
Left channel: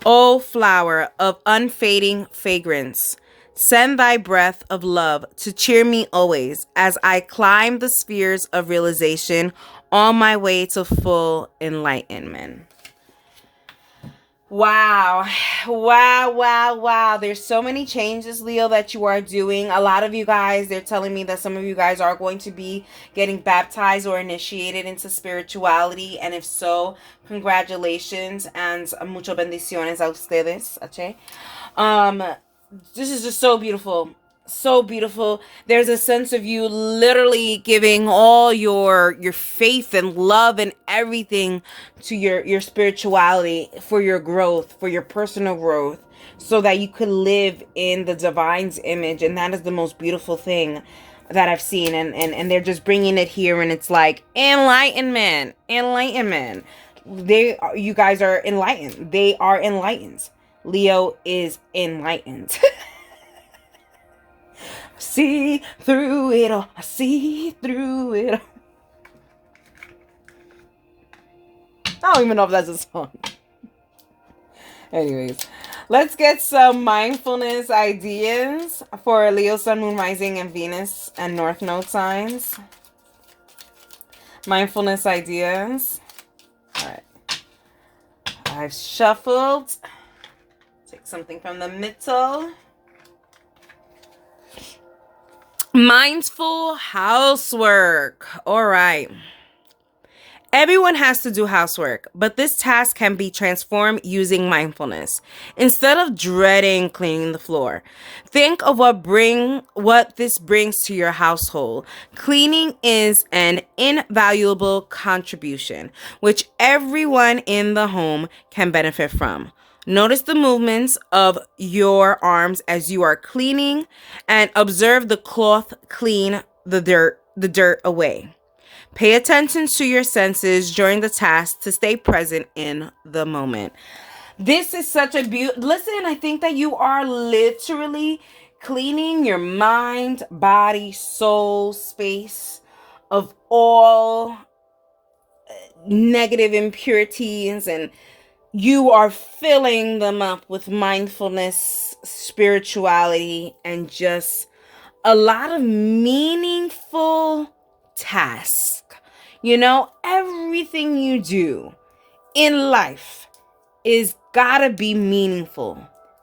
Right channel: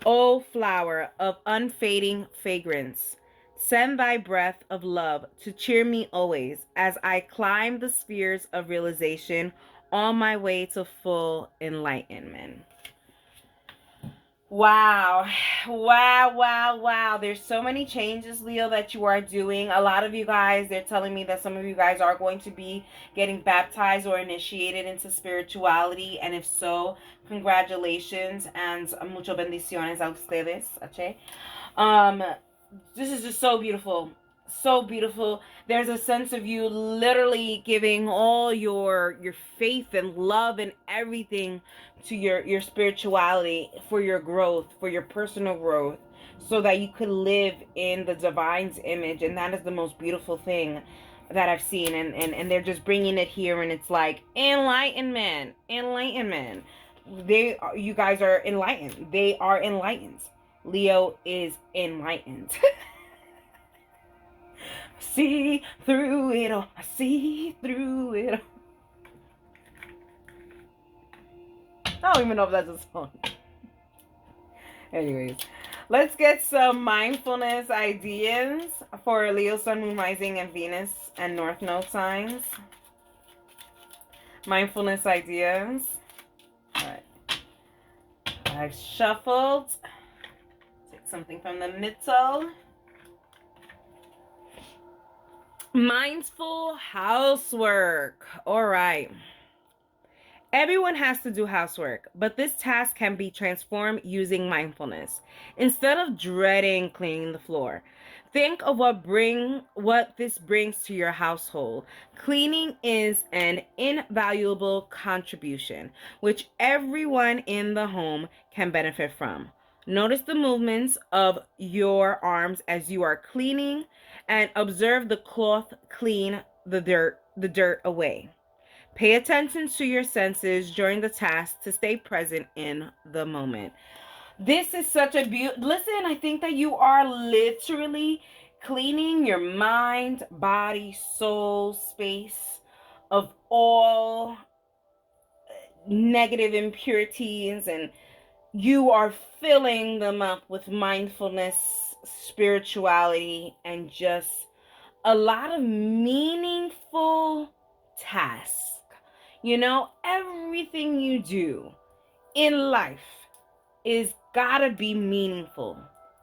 O flower of unfading fragrance, send thy breath of love to cheer me always as I climb the spheres of realization on my way to full enlightenment. Wow. Wow, wow, wow. There's so many changes, Leo, that you are doing. A lot of you guys, they're telling me that some of you guys are going to be getting baptized or initiated into spirituality. And if so, congratulations and mucho bendiciones a ustedes. Okay? This is just so beautiful. So beautiful. There's a sense of you literally giving all your faith and love and everything to your spirituality for your growth, for your personal growth, so that you could live in the divine's image. And that is the most beautiful thing that I've seen. And they're just bringing it here, and it's like enlightenment. You guys are enlightened. They are enlightened. Leo is enlightened. See through it all. I see through it all. I don't even know if that's a song. Anyways, let's get some mindfulness ideas for Leo, Sun, Moon, Rising, and Venus and North Node signs. Mindfulness ideas. All right. I've shuffled. Take something from the middle. Mindful housework. All right. Everyone has to do housework, but this task can be transformed using mindfulness. Instead of dreading cleaning the floor, think of what this brings to your household. Cleaning is an invaluable contribution, which everyone in the home can benefit from. Notice the movements of your arms as you are cleaning and observe the cloth clean the dirt away. Pay attention to your senses during the task to stay present in the moment. This is such a beautiful... Listen, I think that you are literally cleaning your mind, body, soul, space of all negative impurities, and you are filling them up with mindfulness, spirituality, and just a lot of meaningful tasks. You know, everything you do in life is gotta be meaningful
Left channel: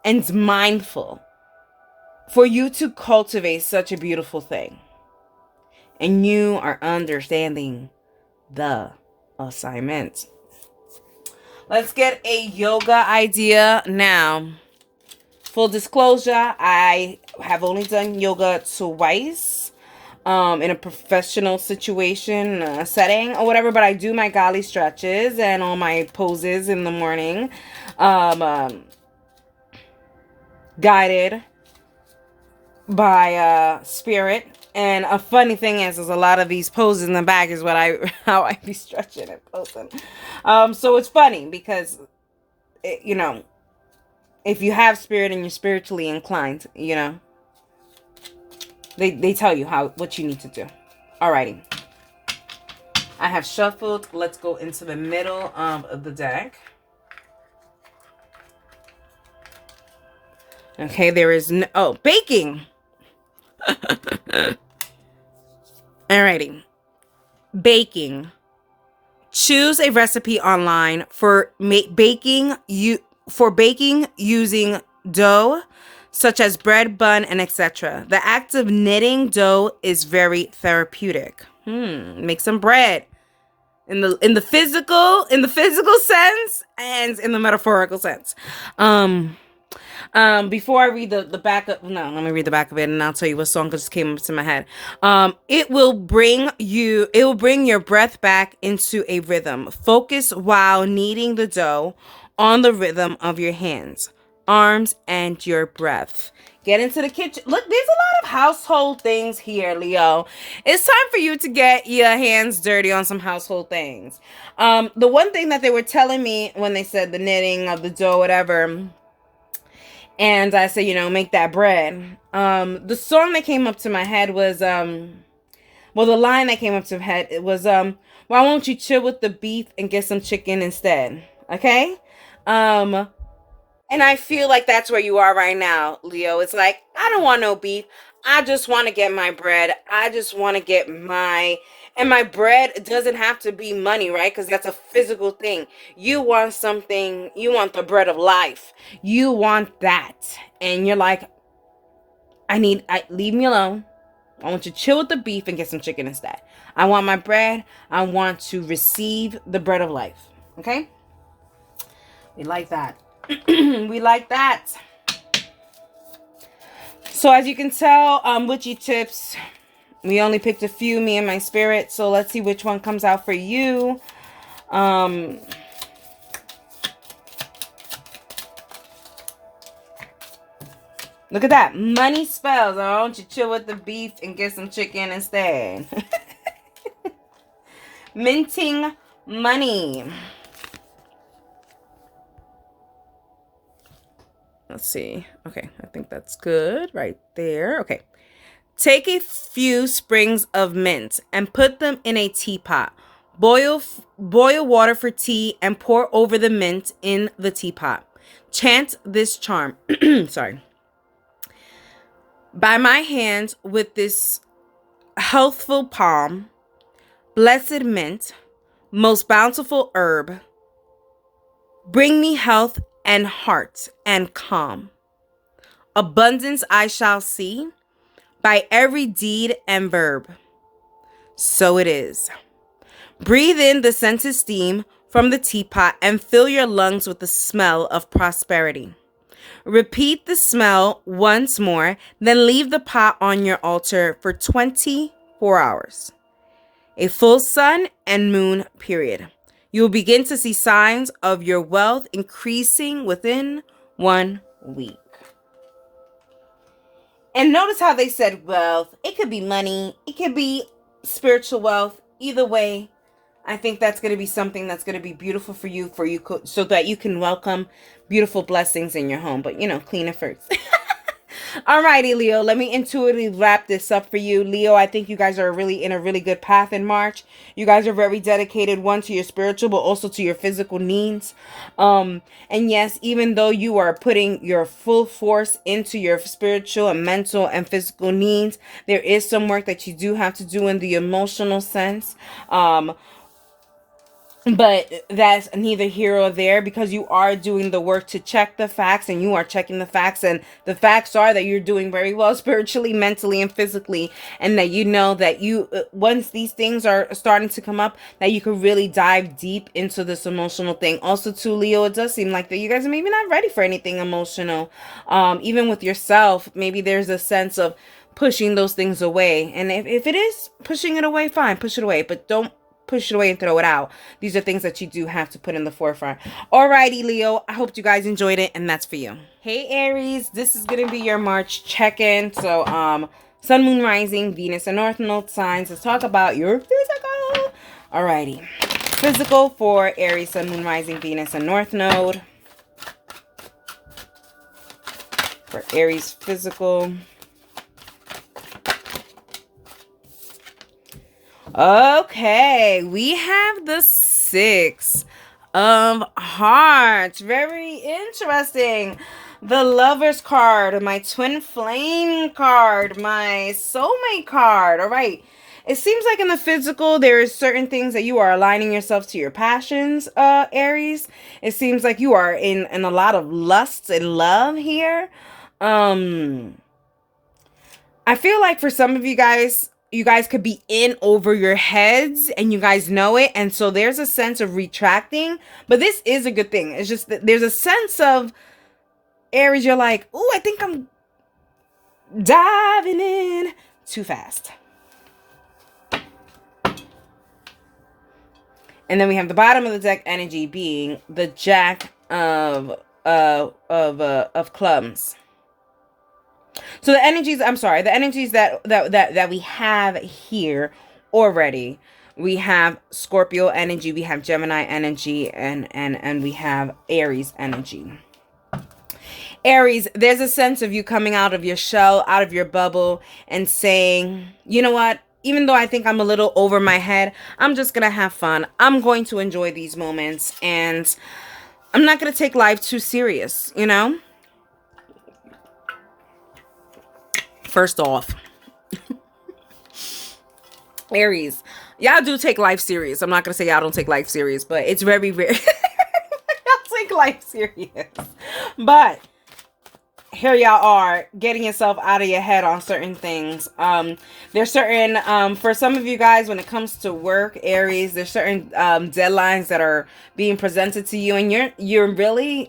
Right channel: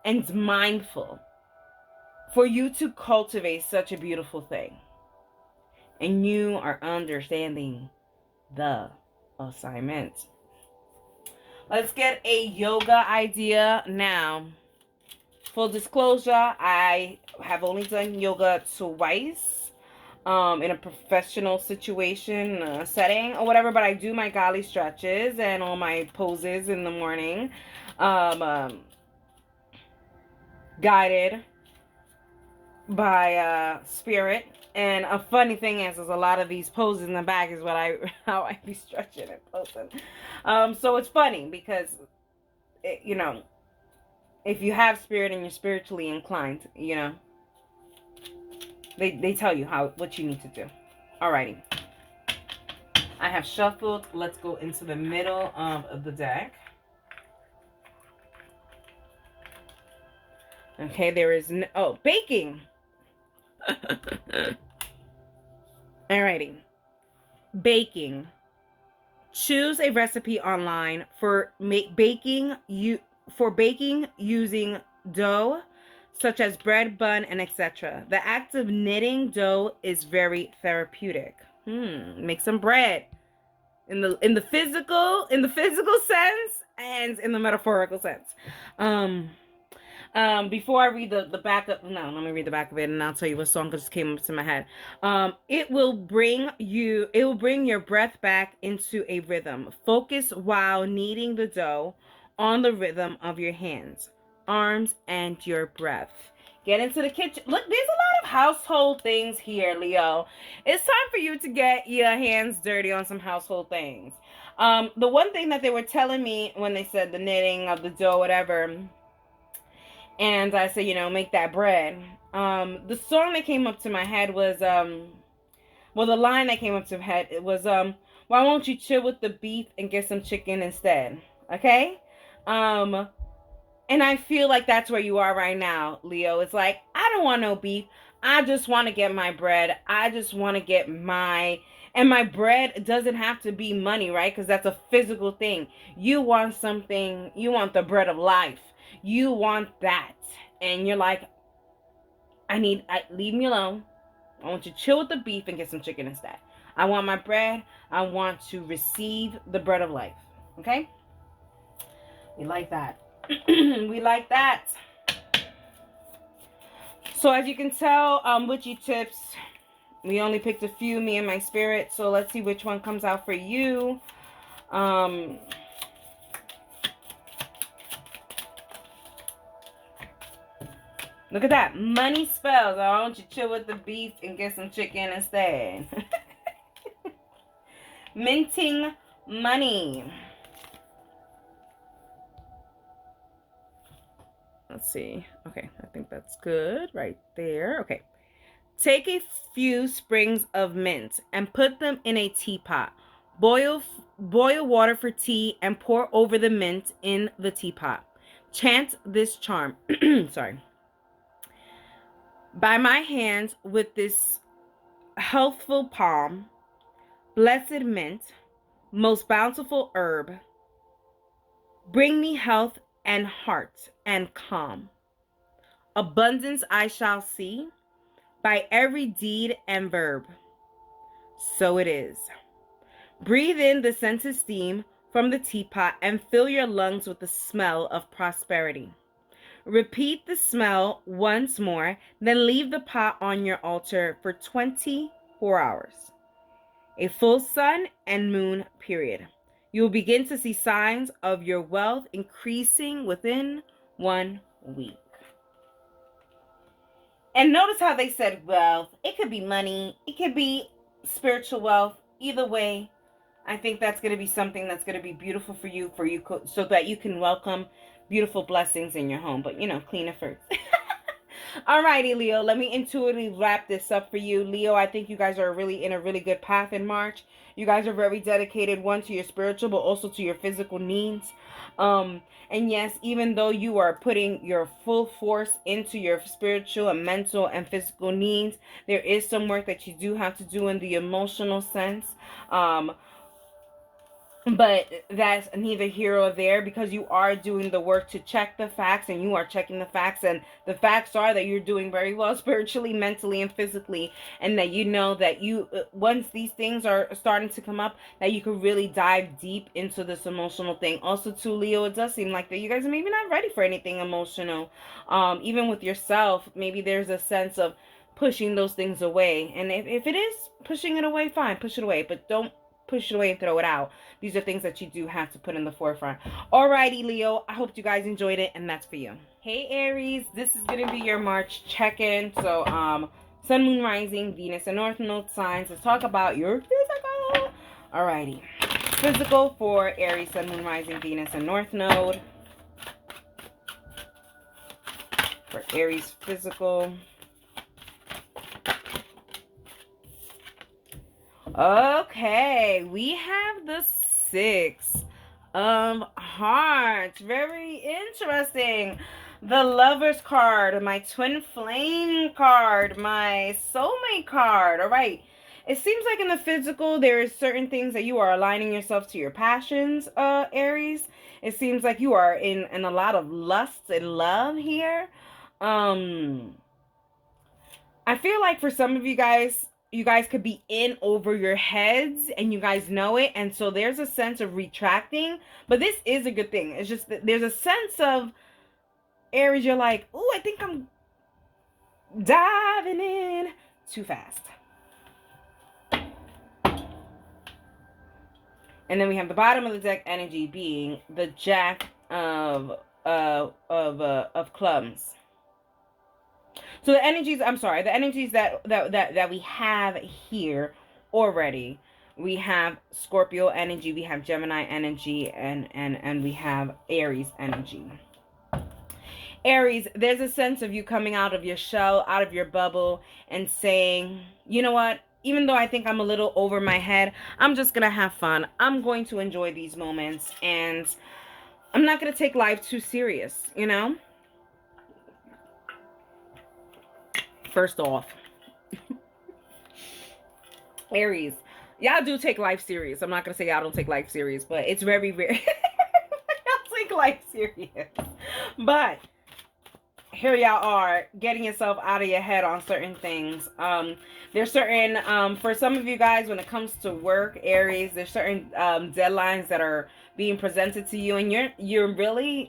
and mindful for you to cultivate such a beautiful thing. And you are understanding the assignment. Let's get a yoga idea now. Full disclosure, I have only done yoga twice. In a professional situation, setting or whatever, but I do my golly stretches and all my poses in the morning, guided by spirit. And a funny thing is a lot of these poses in the back is how I be stretching and posing. So it's funny because if you have spirit and you're spiritually inclined, They tell you what you need to do. Alrighty. I have shuffled. Let's go into the middle of the deck. Okay, there is baking. Alrighty. Baking. Choose a recipe online for baking using dough, such as bread, bun, and etc. The act of knitting dough is very therapeutic. Make some bread in the physical sense and in the metaphorical sense. Before I read the back of, no, let me read the back of it and I'll tell you what song just came up to my head. It will bring your breath back into a rhythm. Focus while kneading the dough on the rhythm of your hands, arms, and your breath. Get into the kitchen. Look, there's a lot of household things here, Leo. It's time for you to get your hands dirty on some household things. The one thing that they were telling me when they said the knitting of the dough, whatever, and I said, make that bread. The song that came up to my head was, the line that came up to my head, it was, why won't you chill with the beef and get some chicken instead? Okay? And I feel like that's where you are right now, Leo. It's like, I don't want no beef. I just want to get my bread. I just want to get and my bread doesn't have to be money, right? Because that's a physical thing. You want something, you want the bread of life. You want that. And you're like, leave me alone. I want you to chill with the beef and get some chicken instead. I want my bread. I want to receive the bread of life. Okay? We like that. We like that. So as you can tell, witchy tips, we only picked a few, me and my spirit. So let's see which one comes out for you. Look at that. Money spells. I want you to chill with the beef and get some chicken instead. Minting money. Let's see. Okay, I think that's good right there. Okay. Take a few sprigs of mint and put them in a teapot. Boil water for tea and pour over the mint in the teapot. Chant this charm. Sorry. By my hand with this healthful palm, blessed mint, most bountiful herb, bring me health and heart and calm. Abundance I shall see by every deed and verb. So it is. Breathe in the scented steam from the teapot and fill your lungs with the smell of prosperity. Repeat the smell once more, then leave the pot on your altar for 24 hours. A full sun and moon period. You will begin to see signs of your wealth increasing within 1 week. And notice how they said wealth. It could be money. It could be spiritual wealth. Either way, I think that's going to be something that's going to be beautiful for you so that you can welcome beautiful blessings in your home. But, clean it first. Alrighty, Leo, let me intuitively wrap this up for you. Leo, I think you guys are really in a really good path in March. You guys are very dedicated, one, to your spiritual, but also to your physical needs. And yes, even though you are putting your full force into your spiritual and mental and physical needs, there is some work that you do have to do in the emotional sense. But that's neither here or there, because you are doing the work to check the facts, and you are checking the facts, and the facts are that you're doing very well spiritually, mentally, and physically, and that you know that you once these things are starting to come up, that you can really dive deep into this emotional thing. Also, to Leo, it does seem like that you guys are maybe not ready for anything emotional. Even with yourself, maybe there's a sense of pushing those things away, and if it is pushing it away, fine, push it away, but don't push it away and throw it out. These are things that you do have to put in the forefront. Alrighty, Leo, I hope you guys enjoyed it, and that's for you. Hey, Aries, this is going to be your March check-in. So, Sun, Moon, Rising, Venus, and North Node signs. Let's talk about your physical. Alrighty. Physical for Aries, Sun, Moon, Rising, Venus, and North Node. For Aries physical. Okay, we have the 6 of Hearts. Very interesting. The Lover's card, my Twin Flame card, my Soulmate card. All right. It seems like in the physical, there is certain things that you are aligning yourself to your passions, Aries. It seems like you are in a lot of lust and love here. I feel like for some of you guys could be in over your heads and you guys know it. And so there's a sense of retracting, but this is a good thing. It's just that there's a sense of Aries, you're like, ooh, I think I'm diving in too fast. And then we have the bottom of the deck energy being the Jack of clubs. So the energies, I'm sorry, the energies that we have here already. We have Scorpio energy, we have Gemini energy, and we have Aries energy. Aries, there's a sense of you coming out of your shell, out of your bubble, and saying, you know what? Even though I think I'm a little over my head, I'm just going to have fun. I'm going to enjoy these moments, and I'm not going to take life too serious, you know? First off, Aries, y'all do take life serious. I'm not going to say y'all don't take life serious, but it's very rare. Y'all take life serious. But here y'all are getting yourself out of your head on certain things. There's certain for some of you guys, when it comes to work, Aries, there's certain deadlines that are being presented to you, and you're really,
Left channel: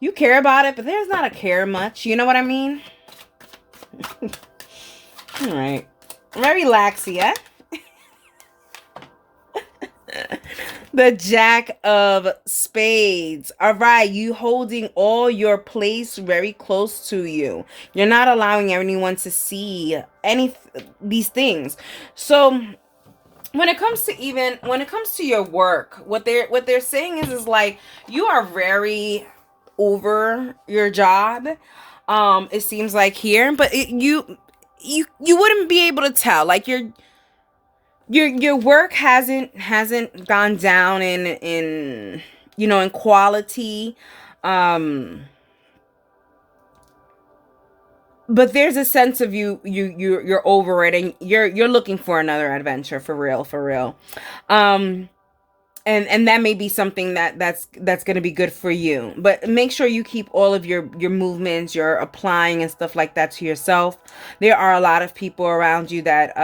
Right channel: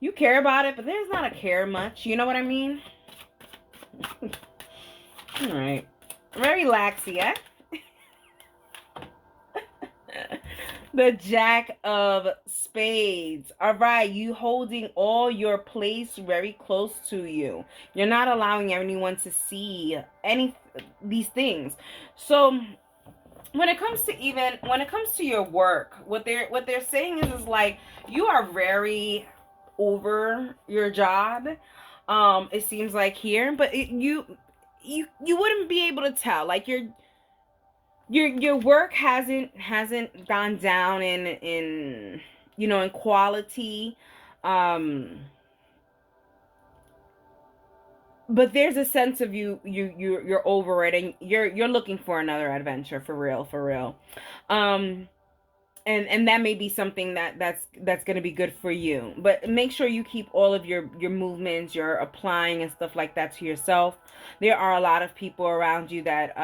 you care about it, but there's not a care much, you know what I mean? All right, very laxy, eh? The Jack of Spades. All right, you holding all your place very close to you. You're not allowing anyone to see these things. So when it comes to your work, what they're saying is like you are very over your job. It seems like here, but you wouldn't be able to tell. Like your work hasn't gone down in in quality, but there's a sense of you're over it, and you're looking for another adventure, for real. And that may be something that's going to be good for you, but make sure you keep all of your movements, your applying and stuff like that to yourself. There are a lot of people around you that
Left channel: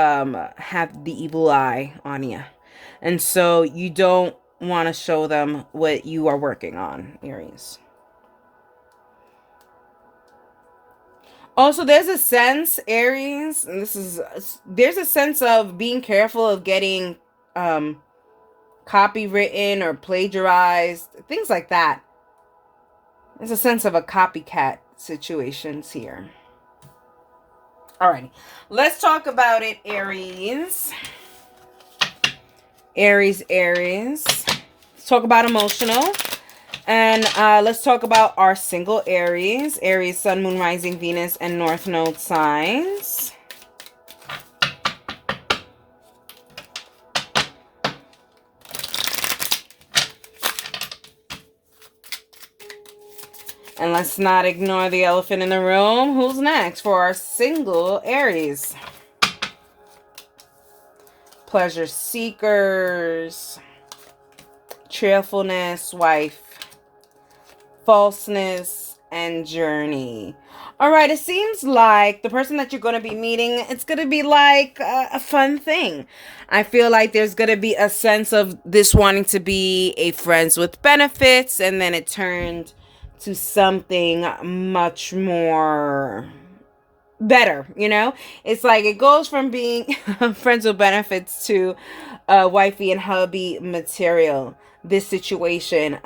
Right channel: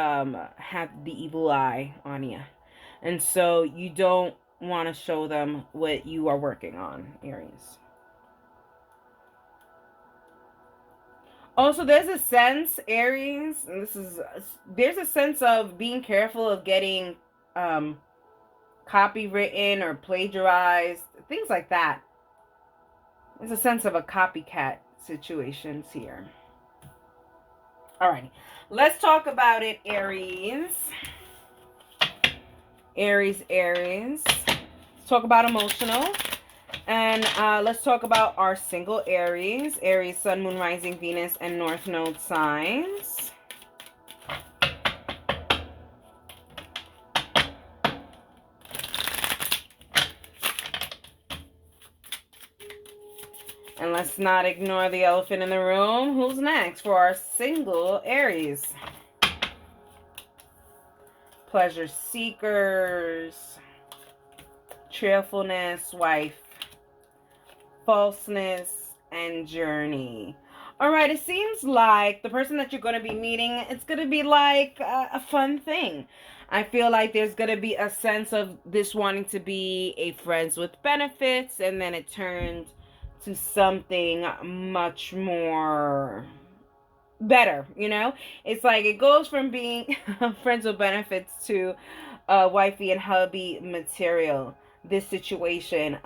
have the evil eye on you, and so you don't want to show them what you are working on, Aries. Also, there's a sense, Aries, and there's a sense of being careful of getting copywritten or plagiarized, things like that. There's a sense of a copycat situations here. Alrighty, let's talk about it, Aries. Aries. Let's talk about emotional. And let's talk about our single Aries. Aries, Sun, Moon, Rising, Venus, and North Node signs. And let's not ignore the elephant in the room. Who's next for our single Aries? Pleasure seekers, cheerfulness, wife, falseness, and journey. All right, it seems like the person that you're going to be meeting, it's going to be like a fun thing. I feel like there's going to be a sense of this wanting to be a friends with benefits, and then it turned to something much more better, It's like it goes from being friends with benefits to wifey and hubby material, this situation.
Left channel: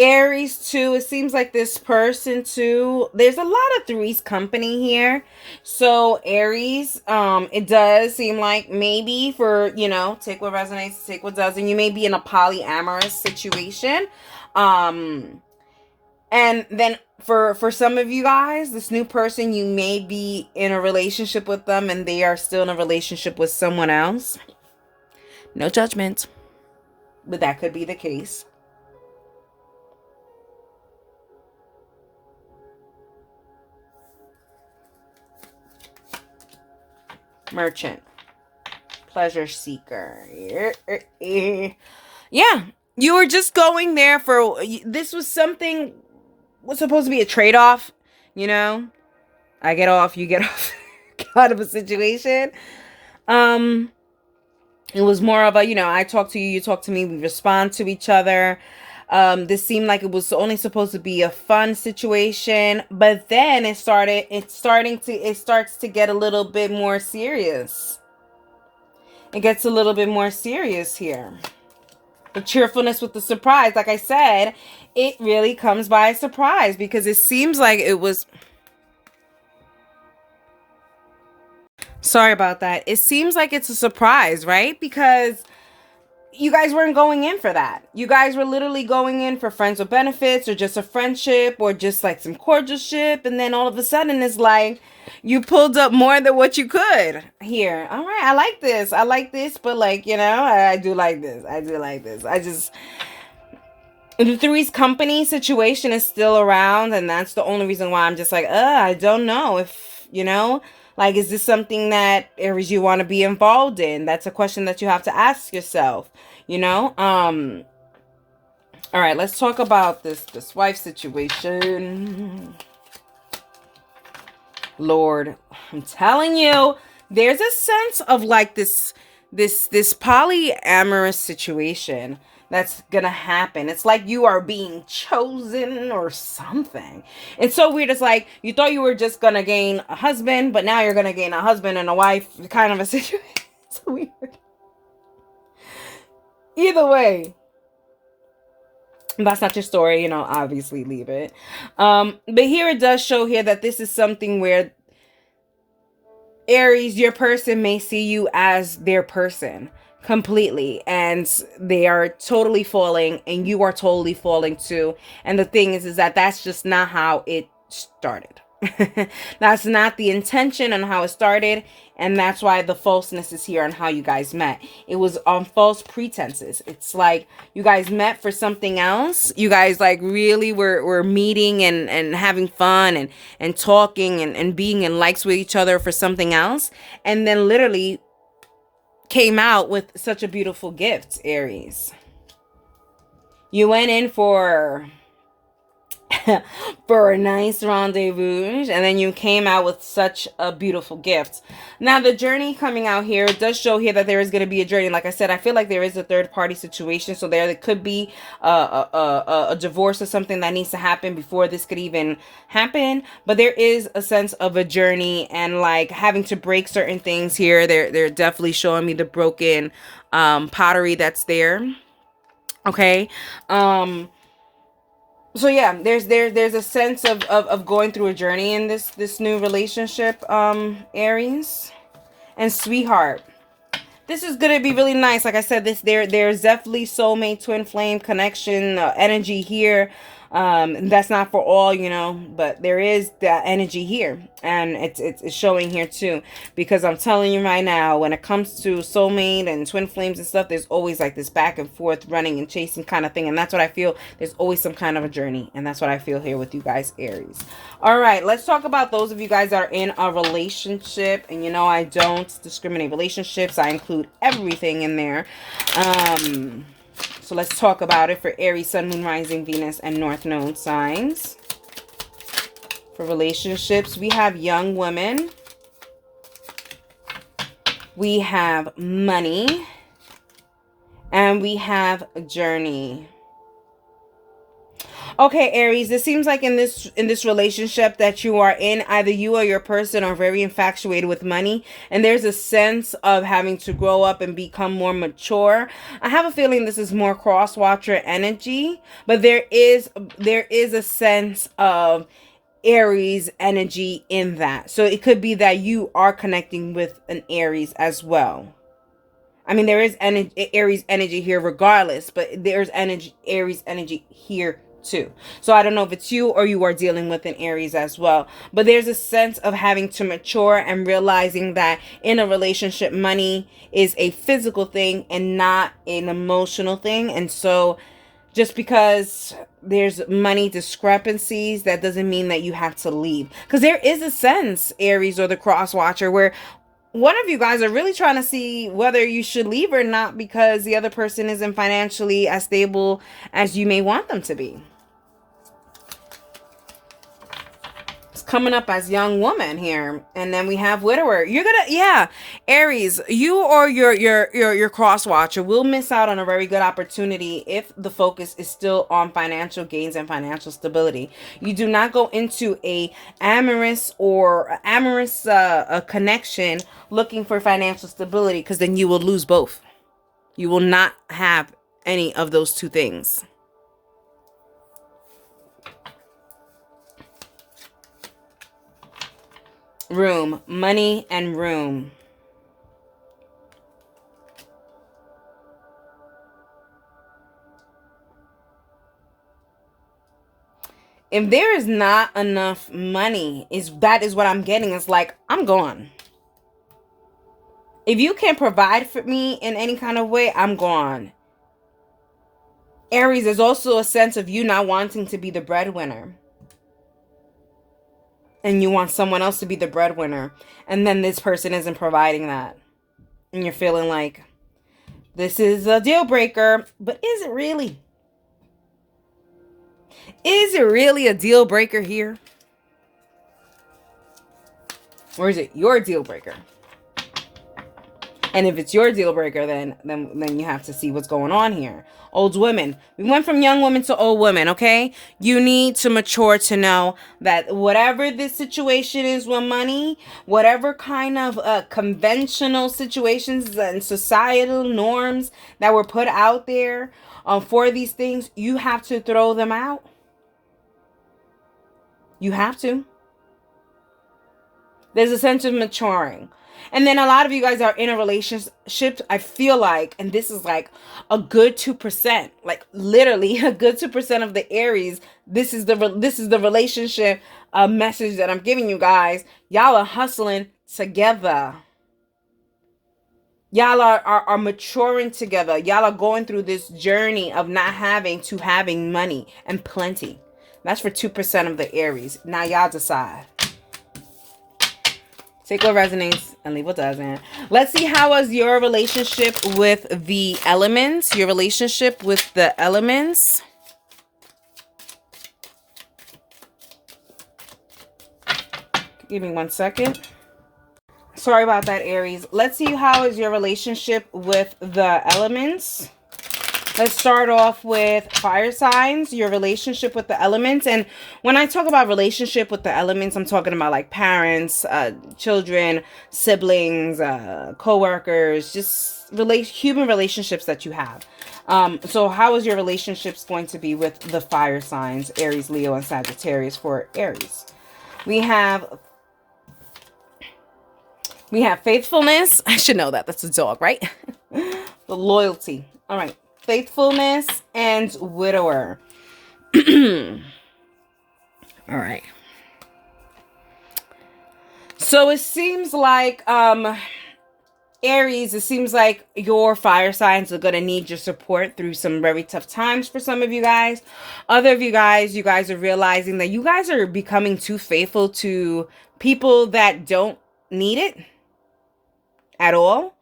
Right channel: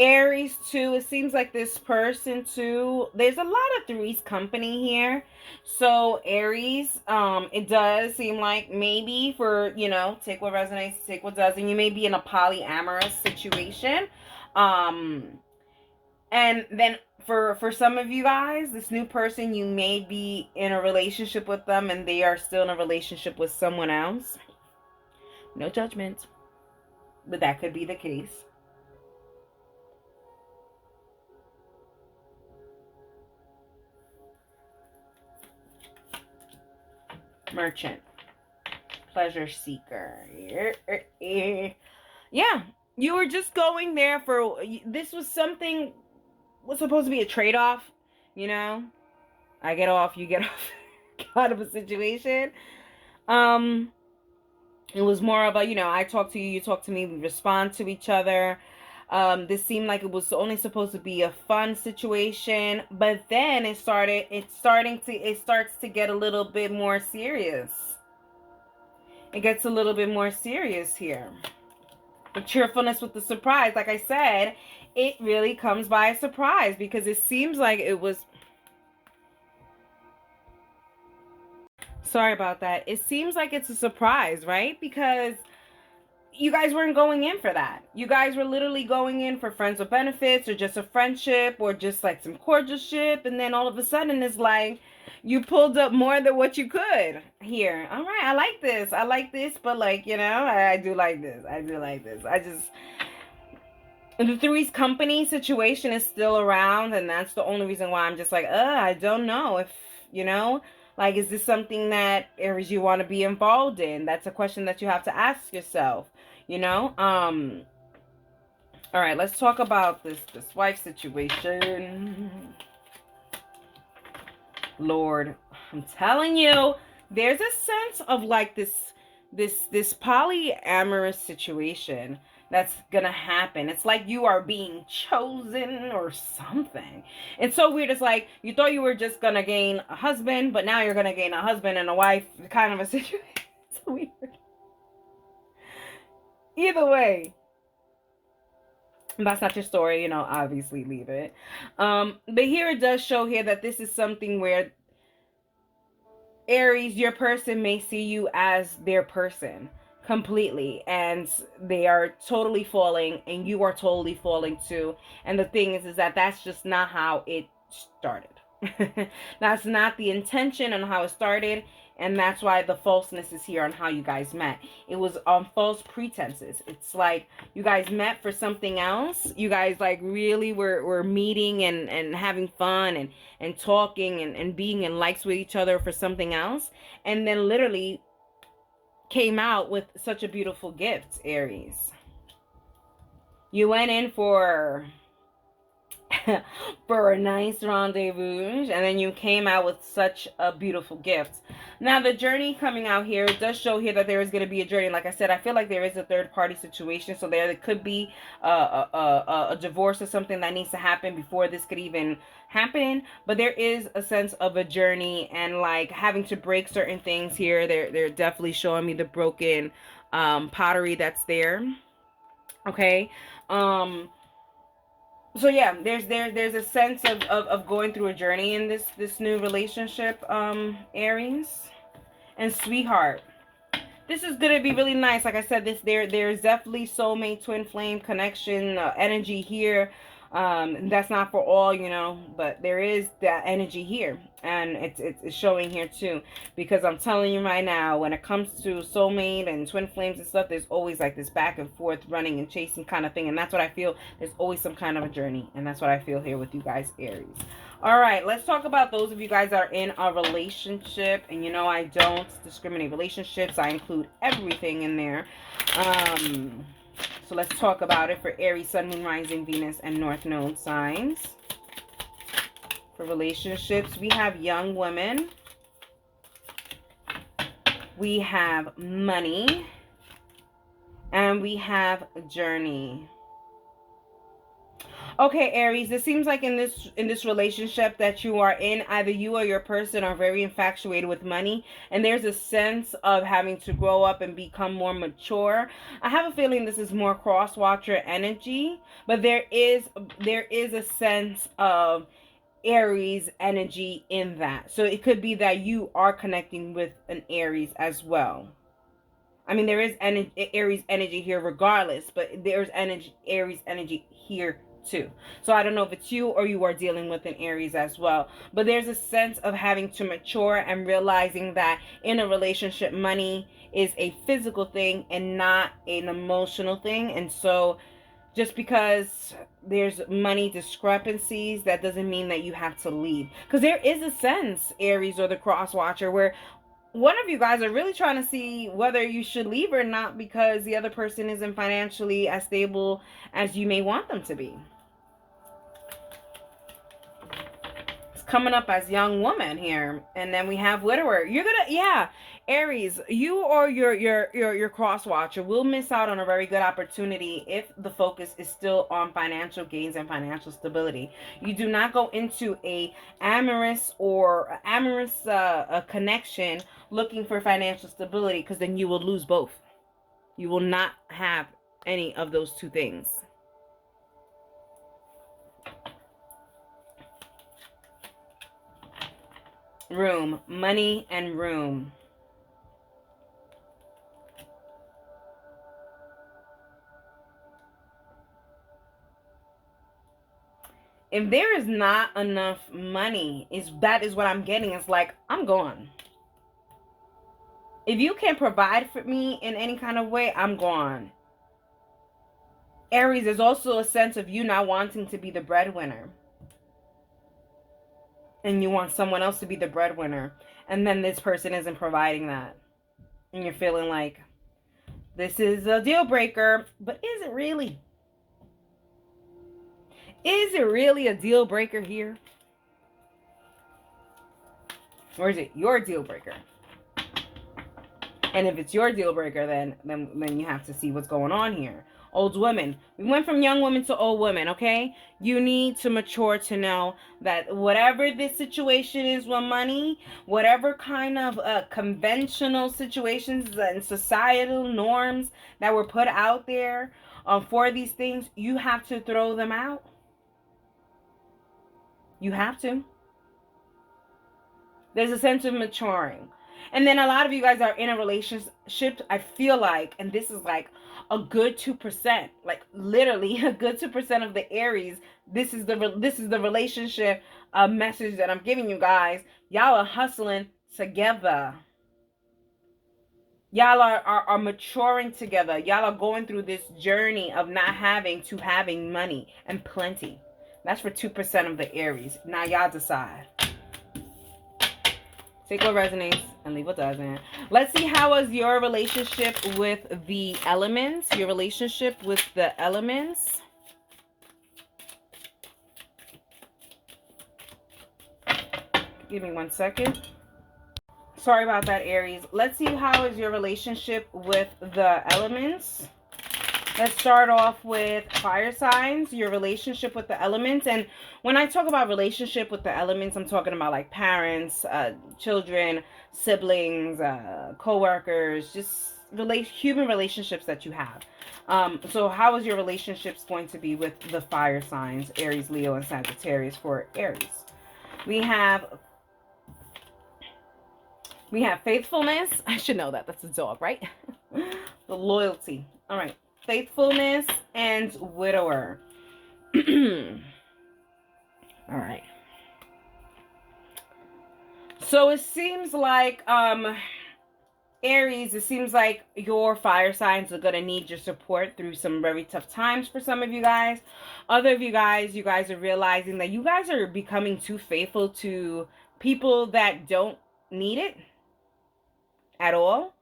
Aries too, it seems like this person too, there's a lot of Three's Company here. So Aries, it does seem like maybe for, take what resonates, take what doesn't. You may be in a polyamorous situation. And then for some of you guys, this new person, you may be in a relationship with them and they are still in a relationship with someone else. No judgment, but that could be the case. Merchant, pleasure seeker. Yeah, you were just going there for, this was something, was supposed to be a trade-off, I get off, you get off kind of a situation. It was more of a, I talk to you, you talk to me, we respond to each other. This seemed like it was only supposed to be a fun situation, but then it starts to get a little bit more serious. It gets a little bit more serious here. The cheerfulness with the surprise, like I said, it really comes by a surprise because it seems like it was. Sorry about that. It seems like it's a surprise, right? Because you guys weren't going in for that. You guys were literally going in for friends with benefits or just a friendship or just like some cordialship. And then all of a sudden it's like you pulled up more than what you could here. All right. I like this. I like this. But like, I do like this. I do like this. The Three's Company situation is still around. And that's the only reason why I'm just like, I don't know if, like, is this something that Aries you want to be involved in? That's a question that you have to ask yourself, all right, let's talk about this wife situation. Lord, I'm telling you, there's a sense of like this polyamorous situation that's gonna happen. It's like you are being chosen or something. It's so weird. It's like you thought you were just gonna gain a husband, but now you're gonna gain a husband and a wife kind of a situation. It's weird. Either way, that's not your story, obviously leave it. But here it does show here that this is something where Aries, your person may see you as their person completely, and they are totally falling and you are totally falling too. And the thing is that that's just not how it started. That's not the intention on how it started, and that's why the falseness is here on how you guys met. It was on false pretenses. It's like you guys met for something else. You guys like really were meeting and having fun and talking and being in likes with each other for something else, and then literally came out with such a beautiful gift, Aries. You went in for for a nice rendezvous, and then you came out with such a beautiful gift. Now the journey coming out here, it does show here that there is going to be a journey. Like I said, I feel like there is a third party situation, so there could be a divorce or something that needs to happen before this could even happen. But there is a sense of a journey and like having to break certain things here. They're definitely showing me the broken pottery that's there. Okay. So yeah, there's a sense of going through a journey in this new relationship, Aries. And sweetheart, this is gonna be really nice. Like I said, there's definitely soulmate twin flame connection energy here. That's not for all, but there is that energy here, and it's showing here too, because I'm telling you right now, when it comes to soulmate and twin flames and stuff, there's always like this back and forth running and chasing kind of thing, and that's what I feel. There's always some kind of a journey, and that's what I feel here with you guys, Aries. All right, let's talk about those of you guys that are in a relationship, and I don't discriminate relationships. I include everything in there. So let's talk about it for Aries, Sun, Moon, Rising, Venus, and North Node signs. For relationships, we have young women. We have money. And we have a journey. Okay, Aries, it seems like in this relationship that you are in, either you or your person are very infatuated with money, and there's a sense of having to grow up and become more mature. I have a feeling this is more cross-watcher energy, but there is a sense of Aries energy in that. So it could be that you are connecting with an Aries as well. I mean, there is Aries energy here regardless, but there's Aries energy here too. So I don't know if it's you or you are dealing with an Aries as well, but there's a sense of having to mature and realizing that in a relationship, money is a physical thing and not an emotional thing. And so just because there's money discrepancies, that doesn't mean that you have to leave, because there is a sense, Aries or the cross watcher, where one of you guys are really trying to see whether you should leave or not because the other person isn't financially as stable as you may want them to be. coming up as young woman here. And then we have widower. You're gonna, yeah, Aries, you or your cross watcher will miss out on a very good opportunity if the focus is still on financial gains and financial stability. You do not go into a amorous connection looking for financial stability, because then you will lose both. You will not have any of those two things. Room, money and room. If there is not enough money, that is what I'm getting. It's like, I'm gone. If you can't provide for me in any kind of way, I'm gone. Aries, there's also a sense of you not wanting to be the breadwinner. And you want someone else to be the breadwinner. And then this person isn't providing that. And you're feeling like, this is a deal breaker. But is it really? Is it really a deal breaker here? Or is it your deal breaker? And if it's your deal breaker, then you have to see what's going on here. Old women. We went from young women to old women, okay? You need to mature to know that whatever this situation is with money, whatever kind of conventional situations and societal norms that were put out there for these things, you have to throw them out. You have to. There's a sense of maturing. And then a lot of you guys are in a relationship, I feel like, and this is like a good 2%, like literally a good 2% of the Aries. This is the relationship message that I'm giving you guys. Y'all are hustling together. Y'all are maturing together. Y'all are going through this journey of not having to having money and plenty. That's for 2% of the Aries. Now y'all decide. Take what resonates and leave what doesn't. Let's see, how was your relationship with the elements? Your relationship with the elements. Give me 1 second. Sorry about that, Aries. Let's see, how is your relationship with the elements? Let's start off with fire signs, your relationship with the elements. And when I talk about relationship with the elements, I'm talking about like parents, children, siblings, co-workers, just human relationships that you have. So how is your relationships going to be with the fire signs, Aries, Leo, and Sagittarius for Aries? We have faithfulness. I should know that. That's a dog, right? The loyalty. All right. Faithfulness and widower. All right. So it seems like Aries, it seems like your fire signs are going to need your support through some very tough times for some of you guys. Other of you guys are realizing that you guys are becoming too faithful to people that don't need it at all.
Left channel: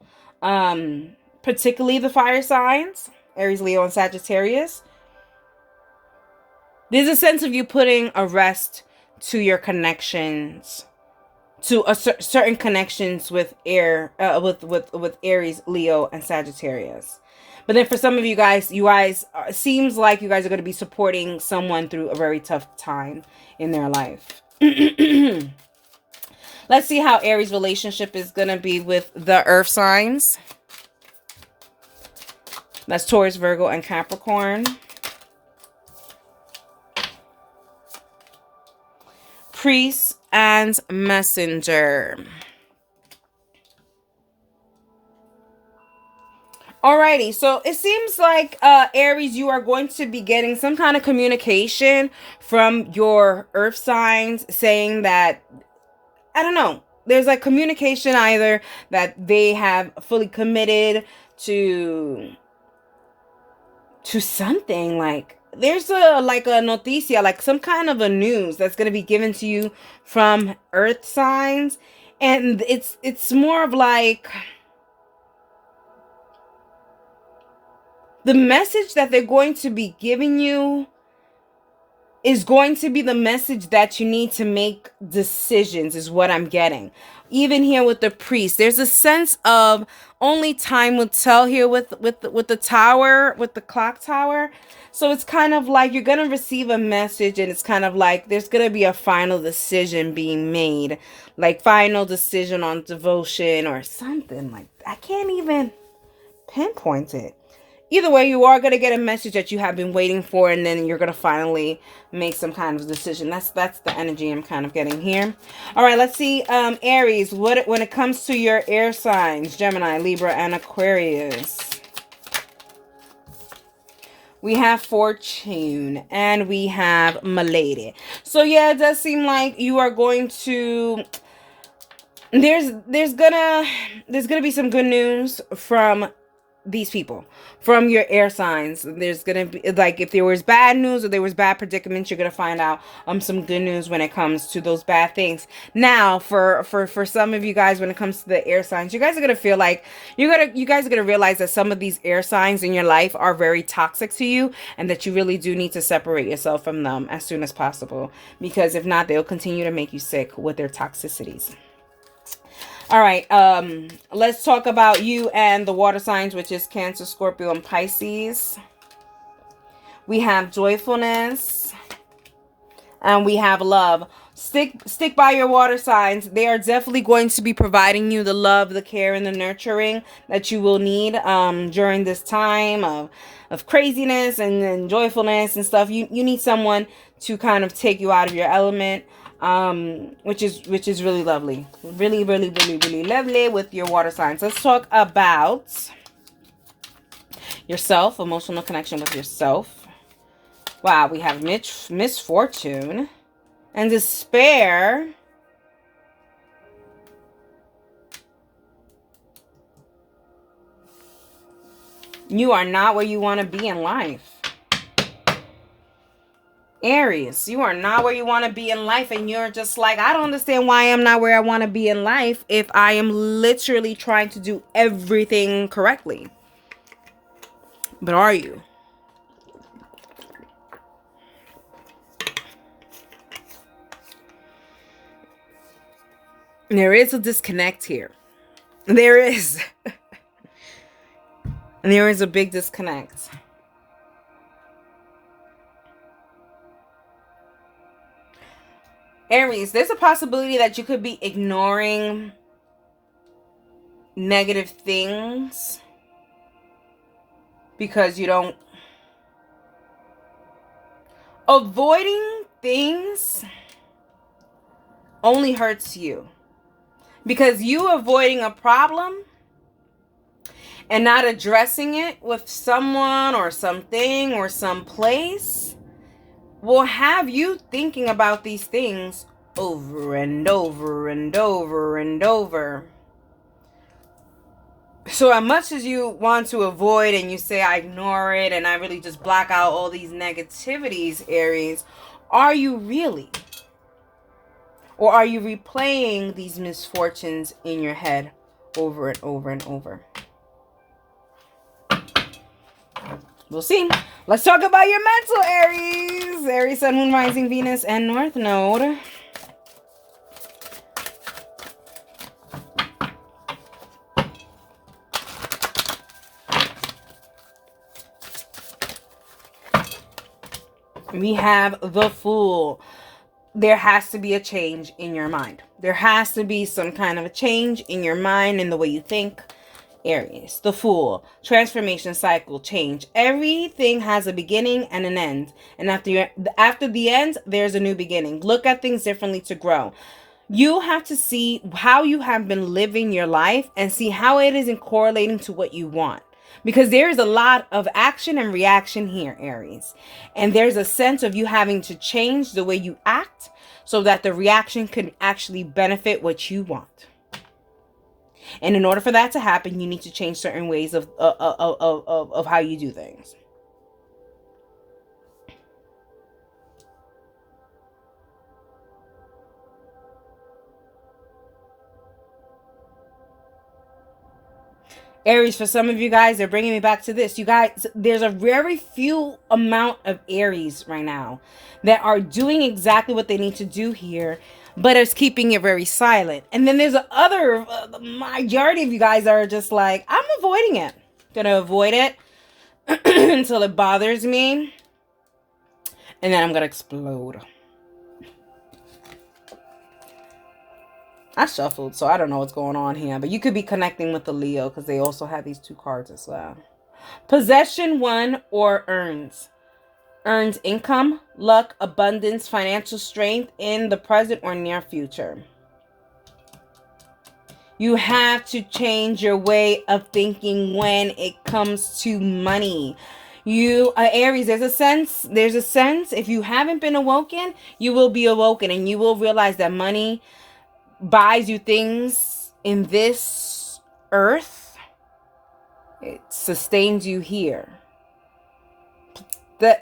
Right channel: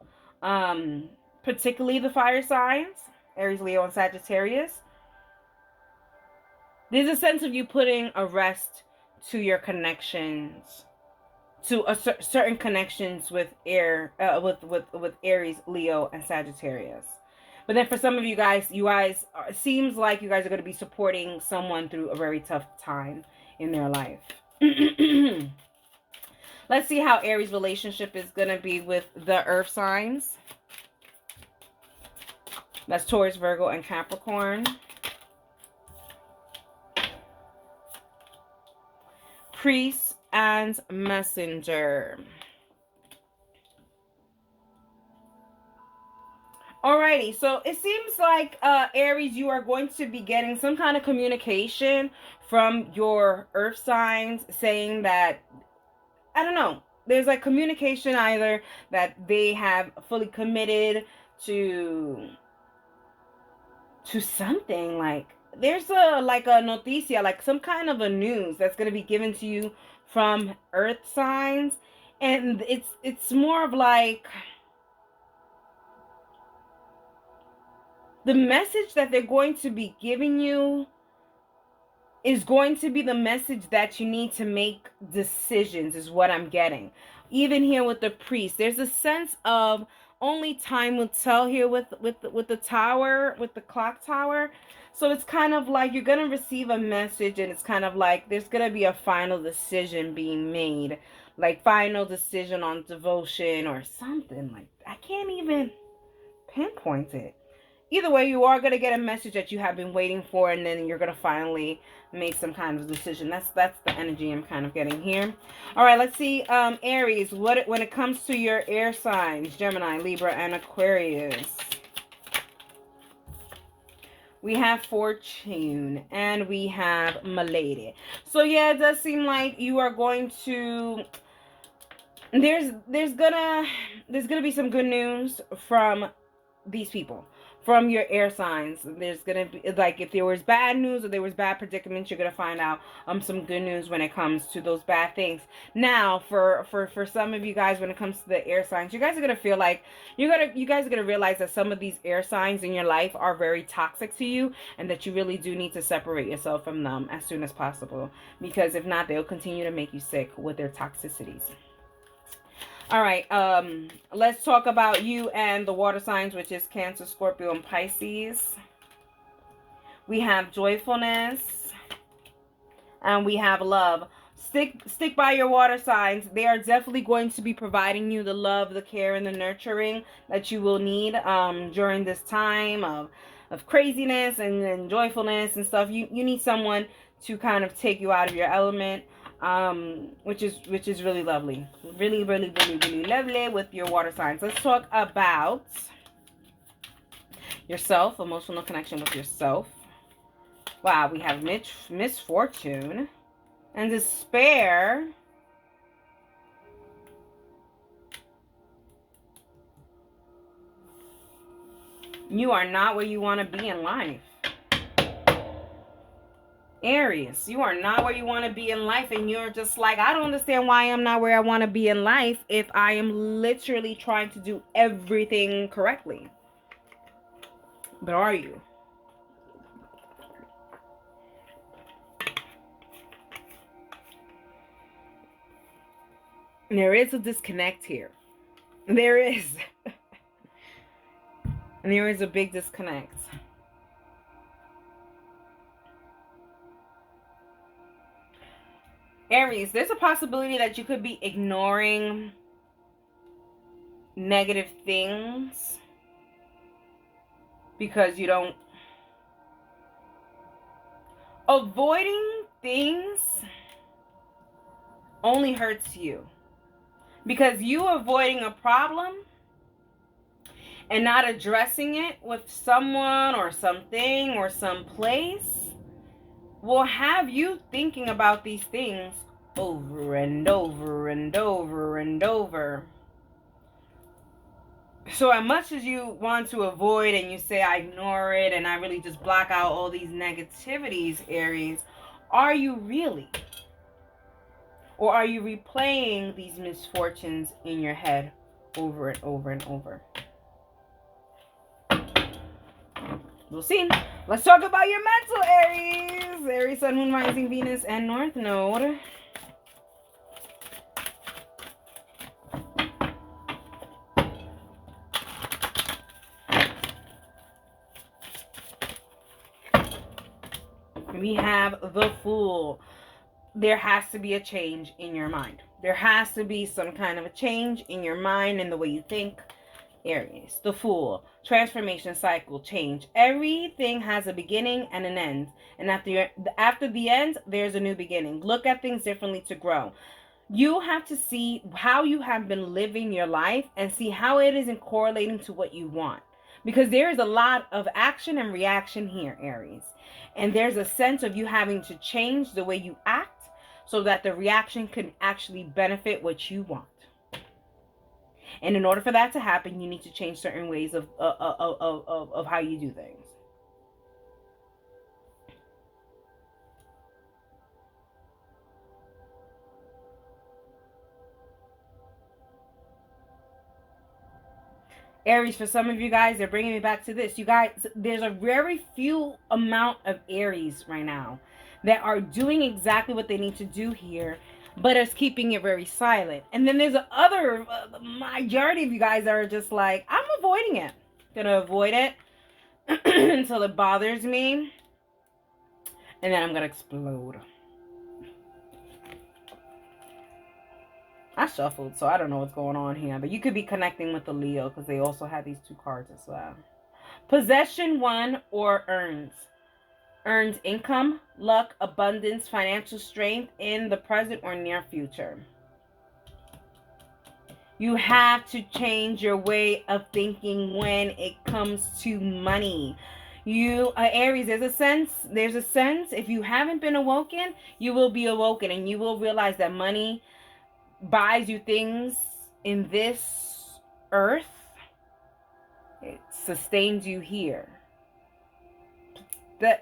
Particularly the fire signs, Aries, Leo, and Sagittarius. There's a sense of you putting a rest to your connections, to certain connections with with Aries, Leo, and Sagittarius. But then for some of you guys seems like you guys are going to be supporting someone through a very tough time in their life. Let's see how Aries' relationship is going to be with the earth signs. That's Taurus, Virgo, and Capricorn. Priest and messenger. Alrighty, so it seems like Aries, you are going to be getting some kind of communication from your earth signs saying that, I don't know, there's like communication either that they have fully committed to something. Like there's a noticia, like some kind of a news that's going to be given to you from earth signs, and it's more of like the message that they're going to be giving you is going to be the message that you need to make decisions, is what I'm getting. Even here with the priest, there's a sense of only time will tell here with the tower, with the clock tower. So it's kind of like you're going to receive a message, and it's kind of like there's going to be a final decision being made, like final decision on devotion or something like that. I can't even pinpoint it. Either way, you are going to get a message that you have been waiting for, and then you're going to finally make some kind of decision. That's the energy I'm kind of getting here. All right, let's see. Aries, when it comes to your air signs, Gemini, Libra, and Aquarius. We have Fortune, and we have Milady. So yeah, it does seem like you are going to... There's gonna be some good news from these people, from your air signs. There's gonna be, like, if there was bad news or there was bad predicaments, you're gonna find out some good news when it comes to those bad things. Now, for some of you guys, when it comes to the air signs, you guys are gonna feel like you guys are gonna realize that some of these air signs in your life are very toxic to you, and that you really do need to separate yourself from them as soon as possible, because if not, they'll continue to make you sick with their toxicities. All right, let's talk about you and the water signs, which is Cancer, Scorpio, and Pisces. We have joyfulness, and we have love. Stick by your water signs. They are definitely going to be providing you the love, the care, and the nurturing that you will need during this time of craziness and joyfulness and stuff. You need someone to kind of take you out of your element. Which is really lovely, really lovely with your water signs. Let's talk about yourself, emotional connection with yourself. Wow, we have misfortune and despair. You are not where you want to be in life. Aries, you are not where you want to be in life, and you're just like, I don't understand why I'm not where I want to be in life if I am literally trying to do everything correctly. But are you? There is a disconnect here. There is. And there is a big disconnect. Aries, there's a possibility that you could be ignoring negative things because you don't... Avoiding things only hurts you. Because you avoiding a problem and not addressing it with someone or something or some place will have you thinking about these things over and over and over and over. So as much as you want to avoid and you say, I ignore it and I really just block out all these negativities, Aries, are you really? Or are you replaying these misfortunes in your head over and over and over? We'll see. Let's talk about your mental, Aries. Aries, Sun, Moon, Rising, Venus, and North Node. We have the Fool. There has to be a change in your mind. There has to be some kind of a change in your mind and the way you think. Aries, the Fool, transformation, cycle, change. Everything has a beginning and an end. And after the end, there's a new beginning. Look at things differently to grow. You have to see how you have been living your life and see how it isn't correlating to what you want. Because there is a lot of action and reaction here, Aries. And there's a sense of you having to change the way you act so that the reaction can actually benefit what you want. And in order for that to happen, you need to change certain ways of how you do things. Aries, for some of you guys, they're bringing me back to this. You guys, there's a very few amount of Aries right now that are doing exactly what they need to do here, but it's keeping it very silent. And then there's the majority of you guys are just like, I'm avoiding it. Gonna avoid it until it bothers me. And then I'm gonna explode. I shuffled, so I don't know what's going on here. But you could be connecting with the Leo because they also have these 2 cards as well. Possession 1 or earns. Earns income, luck, abundance, financial strength in the present or near future. You have to change your way of thinking when it comes to money. You, Aries, there's a sense, if you haven't been awoken, you will be awoken and you will realize that money buys you things in this earth. It sustains you here.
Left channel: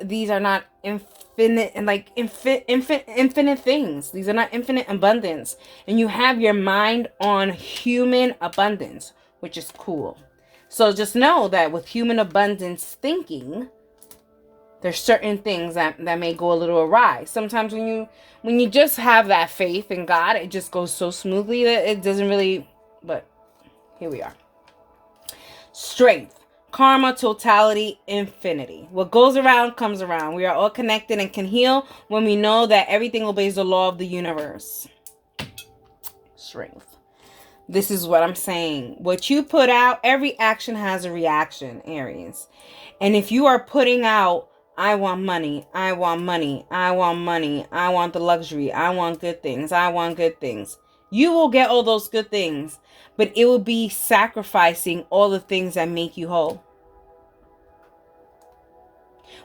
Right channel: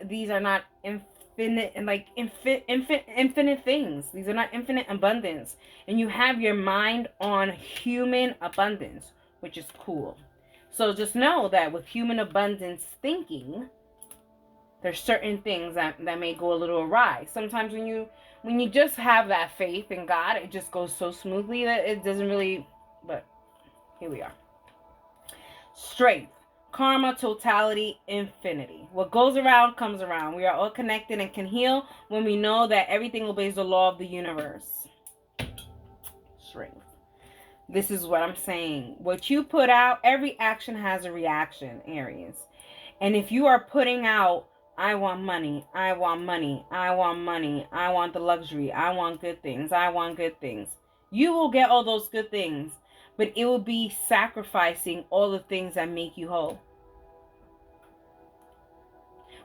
These are not infinite and like infinite things. These are not infinite abundance. And you have your mind on human abundance, which is cool. So just know that with human abundance thinking, there's certain things that may go a little awry. Sometimes when you just have that faith in God, it just goes so smoothly that it doesn't really, but here we are. Strength, karma, totality, infinity. What goes around comes around. We are all connected and can heal when we know that everything obeys the law of the universe. Strength. This is what I'm saying. What you put out, every action has a reaction, Aries. And if you are putting out, I want money, I want money, I want money, I want the luxury, I want good things, I want good things, you will get all those good things, but it will be sacrificing all the things that make you whole.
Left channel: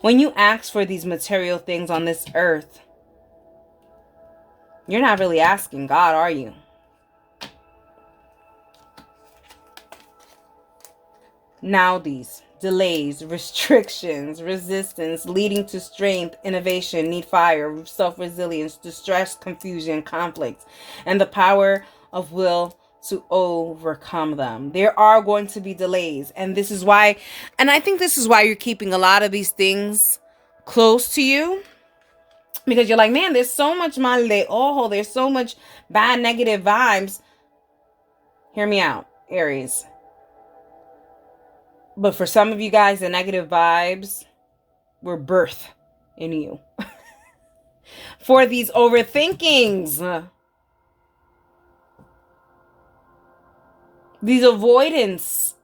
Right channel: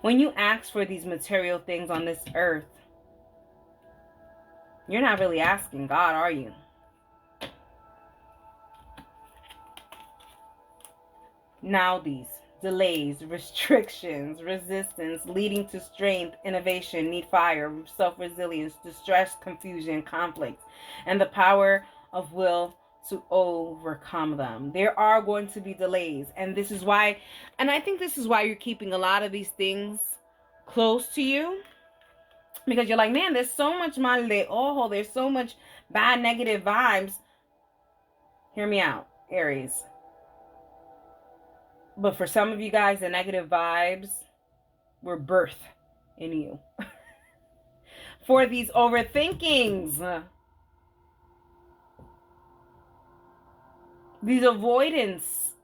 When you ask for these material things on this earth, you're not really asking God, are you? Now these delays, restrictions, resistance, leading to strength, innovation, need fire, self-resilience, distress, confusion, conflict, and the power of will to overcome them. There are going to be delays, and this is why, and I think this is why you're keeping a lot of these things close to you, because you're like, man, there's so much mal de ojo, there's so much bad negative vibes. Hear me out, Aries. But for some of you guys, the negative vibes were birthed in you. For these overthinkings. These avoidance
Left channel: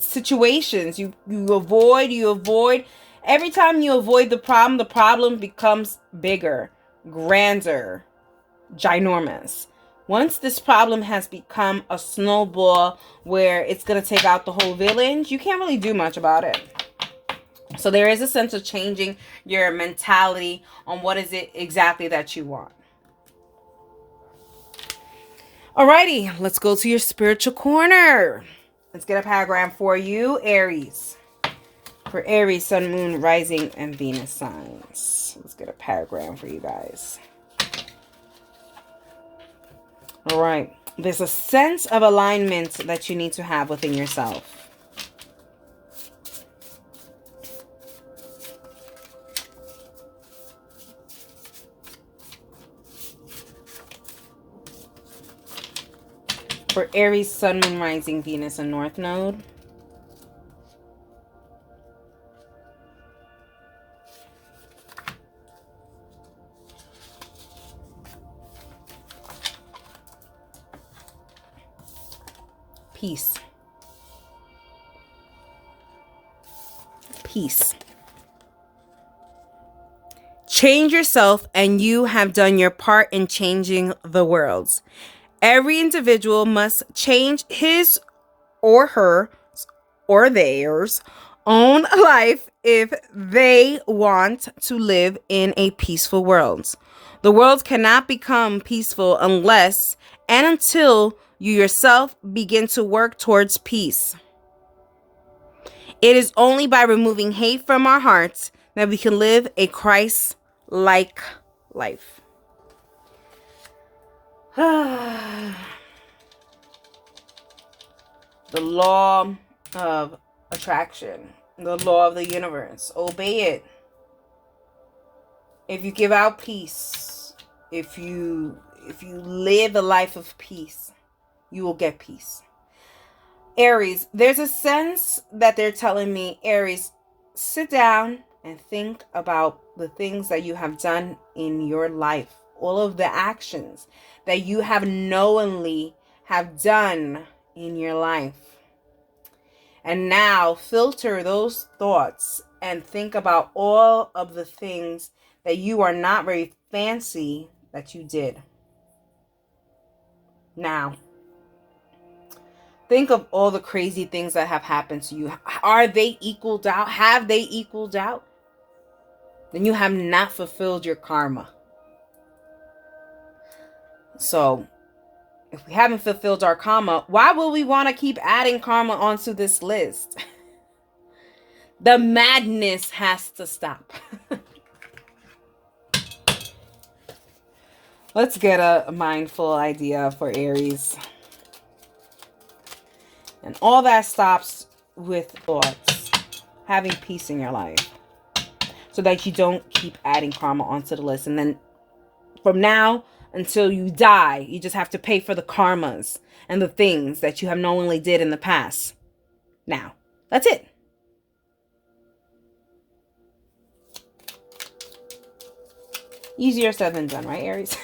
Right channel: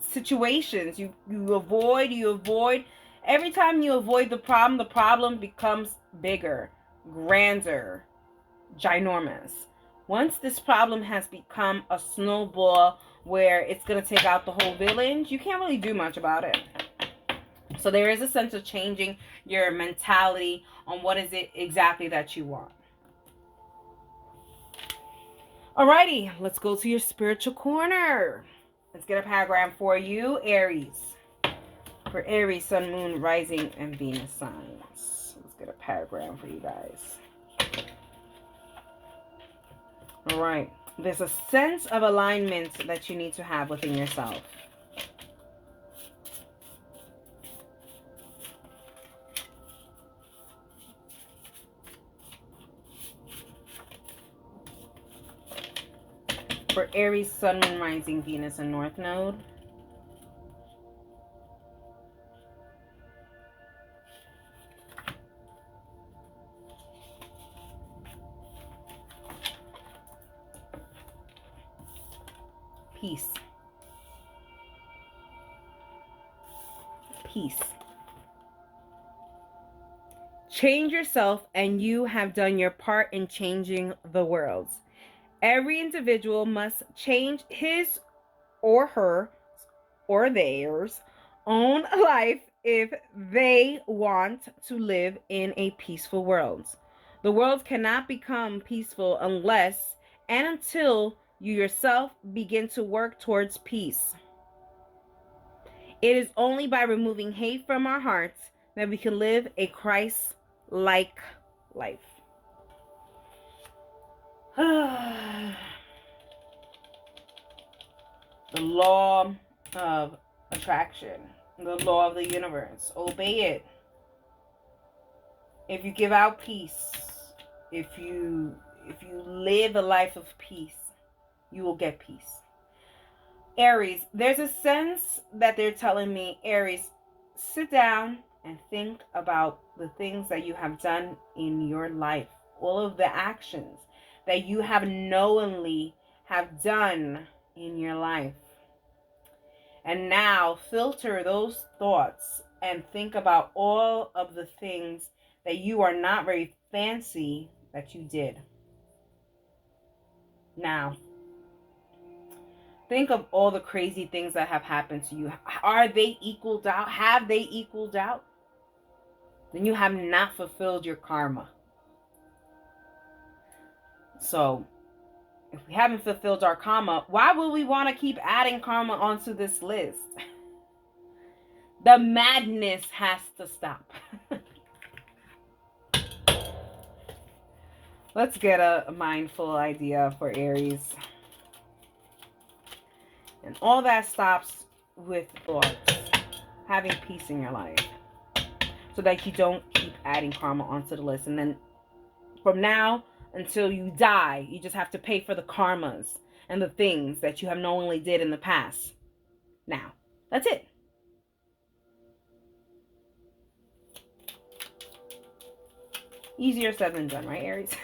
situations. You avoid. Every time you avoid the problem becomes bigger, grander, ginormous. Once this problem has become a snowball where it's going to take out the whole village, you can't really do much about it. So there is a sense of changing your mentality on what is it exactly that you want. Alrighty, let's go to your spiritual corner. Let's get a paragraph for you, Aries. For Aries, Sun, Moon, Rising, and Venus signs. Let's get a paragraph for you guys. All right. There's a sense of alignment that you need to have within yourself. For Aries, Sun, Moon, Rising, Venus, and North Node. Peace. Peace. Change yourself and you have done your part in changing the world. Every individual must change his or her or theirs own life if they want to live in a peaceful world. The world cannot become peaceful unless and until you yourself begin to work towards peace. It is only by removing hate from our hearts that we can live a Christ-like life. The law of attraction, the law of the universe. Obey it. If you give out peace, if you live a life of peace, you will get peace. Aries, there's a sense that they're telling me, Aries, sit down and think about the things that you have done in your life, all of the actions that you have knowingly have done in your life. And now filter those thoughts and think about all of the things that you are not very fancy that you did. Now, think of all the crazy things that have happened to you. Are they equaled out? Have they equaled out? Then you have not fulfilled your karma. So, if we haven't fulfilled our karma, why will we want to keep adding karma onto this list? The madness has to stop. Let's get a mindful idea for Aries. And all that stops with thoughts. Having peace in your life. So that you don't keep adding karma onto the list. And then from now until you die, you just have to pay for the karmas and the things that you have knowingly did in the past. Now, that's it. Easier said than done, right, Aries?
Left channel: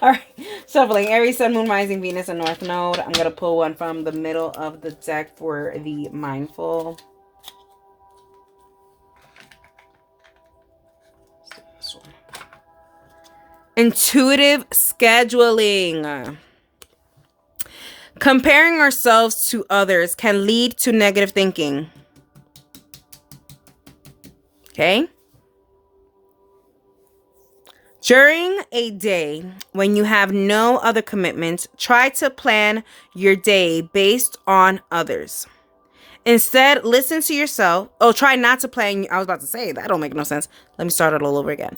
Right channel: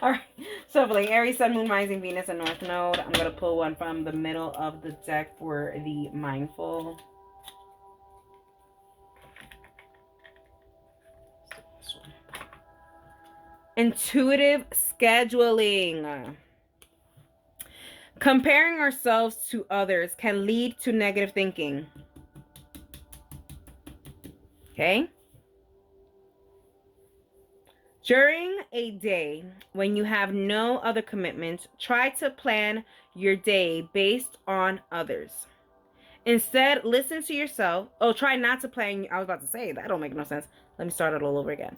All right. Shuffling. Aries, Sun, Moon, Rising, Venus, and North Node. I'm going to pull one from the middle of the deck for the mindful. Intuitive scheduling. Comparing ourselves to others can lead to negative thinking. Okay? During a day when you have no other commitments, try to plan your day based on others. Instead, listen to yourself. Oh, try not to plan. I was about to say, that don't make no sense. Let me start it all over again.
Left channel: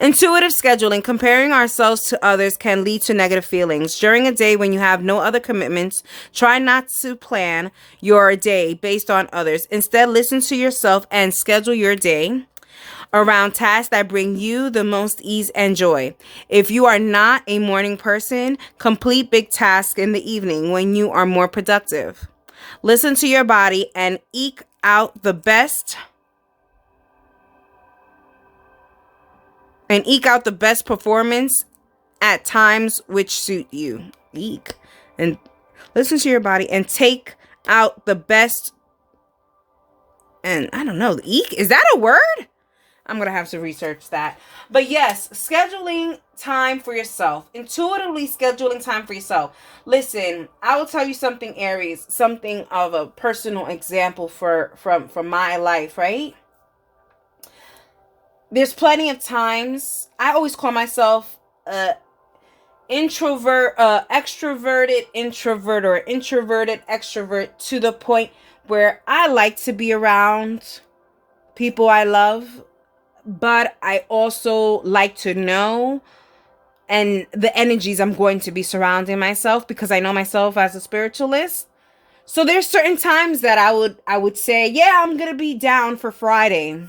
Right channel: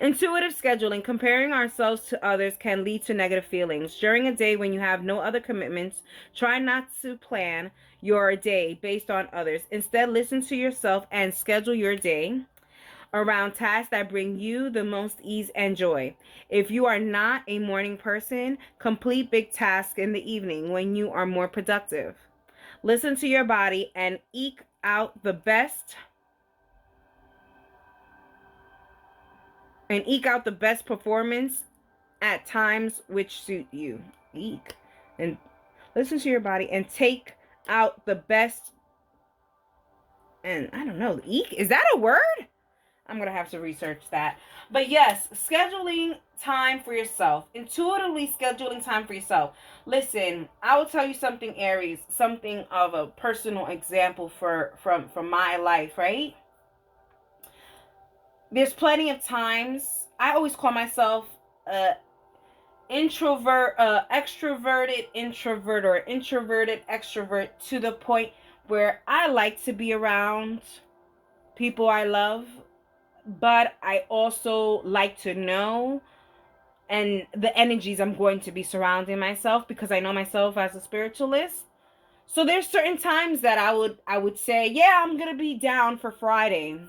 Intuitive scheduling. Comparing ourselves to others can lead to negative feelings. During a day when you have no other commitments, try not to plan your day based on others. Instead, listen to yourself and schedule your day around tasks that bring you the most ease and joy. If you are not a morning person, complete big tasks in the evening when you are more productive. Listen to your body and eke out the best performance at times which suit you. Eek. And listen to your body and take out the best. And I don't know, eek? Is that a word? I'm going to have to research that. But yes, scheduling time for yourself. Intuitively scheduling time for yourself. Listen, I will tell you something, Aries. Something of a personal example from my life, right? There's plenty of times. I always call myself extroverted introvert or introverted extrovert to the point where I like to be around people I love, but I also like to know and the energies I'm going to be surrounding myself, because I know myself as a spiritualist. So there's certain times that I would say, yeah, I'm going to be down for Friday.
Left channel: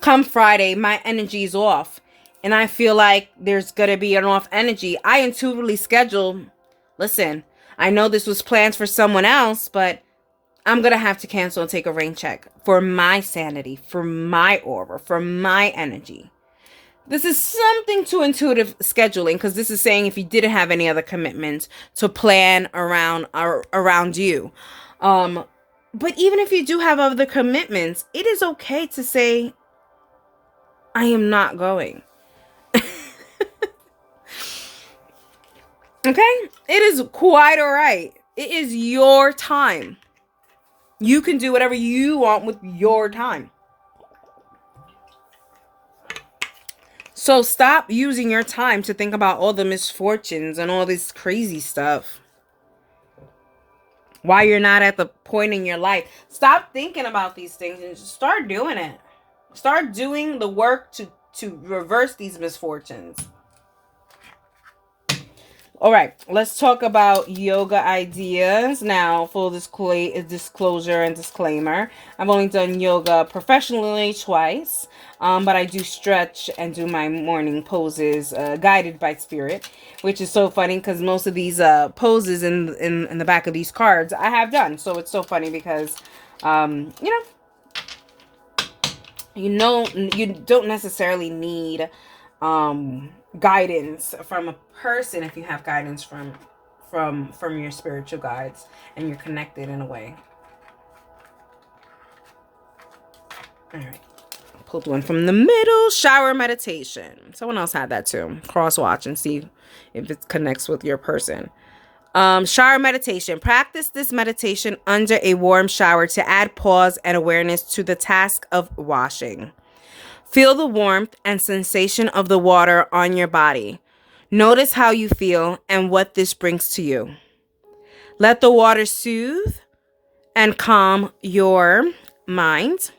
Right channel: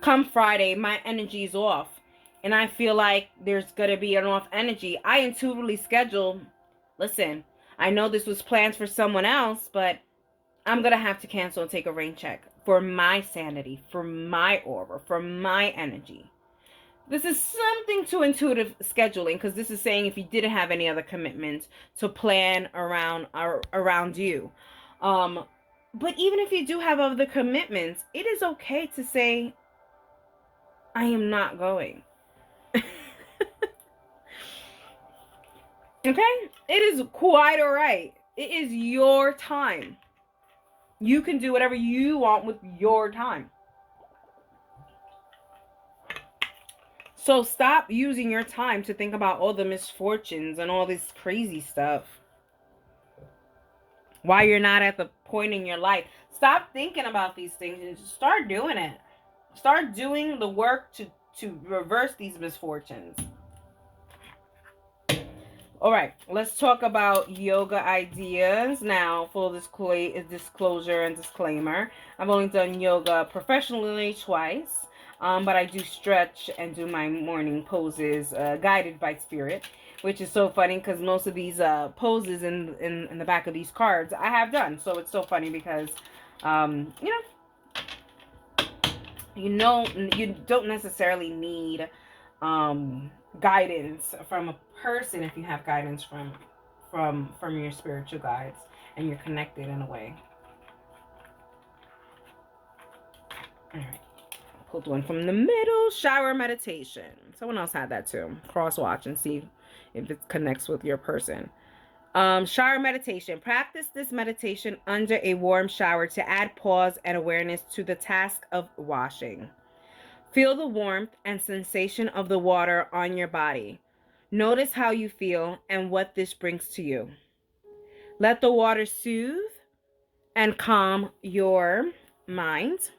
Come Friday, my energy is off. And I feel like there's going to be an off energy. I intuitively schedule, listen, I know this was planned for someone else, but I'm going to have to cancel and take a rain check for my sanity, for my aura, for my energy. This is something to intuitive scheduling, because this is saying if you didn't have any other commitments to plan around you. But even if you do have other commitments, it is okay to say, I am not going. Okay? It is quite all right. It is your time. You can do whatever you want with your time. So stop using your time to think about all the misfortunes and all this crazy stuff. Why you're not at the point in your life. Stop thinking about these things and just start doing it. Start doing the work to reverse these misfortunes. All right, let's talk about yoga ideas. Now, full disclosure and disclaimer, I've only done yoga professionally twice, but I do stretch and do my morning poses guided by spirit, which is so funny because most of these poses in the back of these cards I have done. So it's so funny because, you don't necessarily need guidance from a person if you have guidance from your spiritual guides and you're connected in a way. All right, pulled one from the middle. Shower meditation. Someone else had that too. Cross watch and see if it connects with your person. Shower meditation. Practice this meditation under a warm shower to add pause and awareness to the task of washing. Feel the warmth and sensation of the water on your body. Notice how you feel and what this brings to you. Let the water soothe and calm your mind.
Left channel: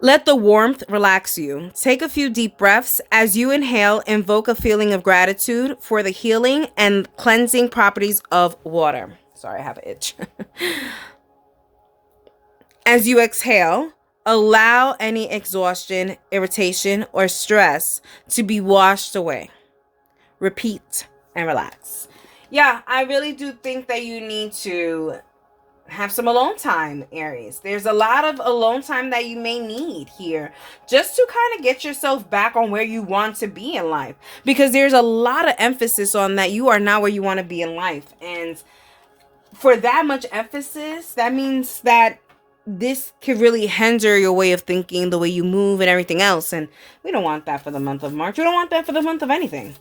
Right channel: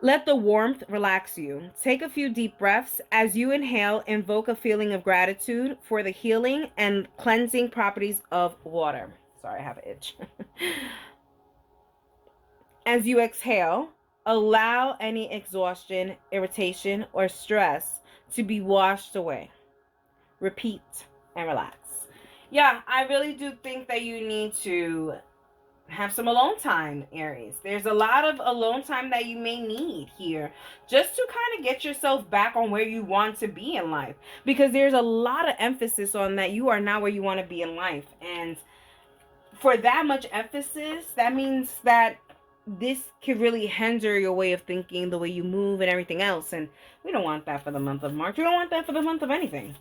Let the warmth relax you. Take a few deep breaths. As you inhale, invoke a feeling of gratitude for the healing and cleansing properties of water. Sorry, I have an itch. As you exhale, allow any exhaustion, irritation, or stress to be washed away. Repeat and relax. Yeah, I really do think that you need to have some alone time, Aries. There's a lot of alone time that you may need here just to kind of get yourself back on where you want to be in life, because there's a lot of emphasis on that you are not where you want to be in life. And for that much emphasis, that means that this could really hinder your way of thinking, the way you move and everything else. And we don't want that for the month of March. We don't want that for the month of anything.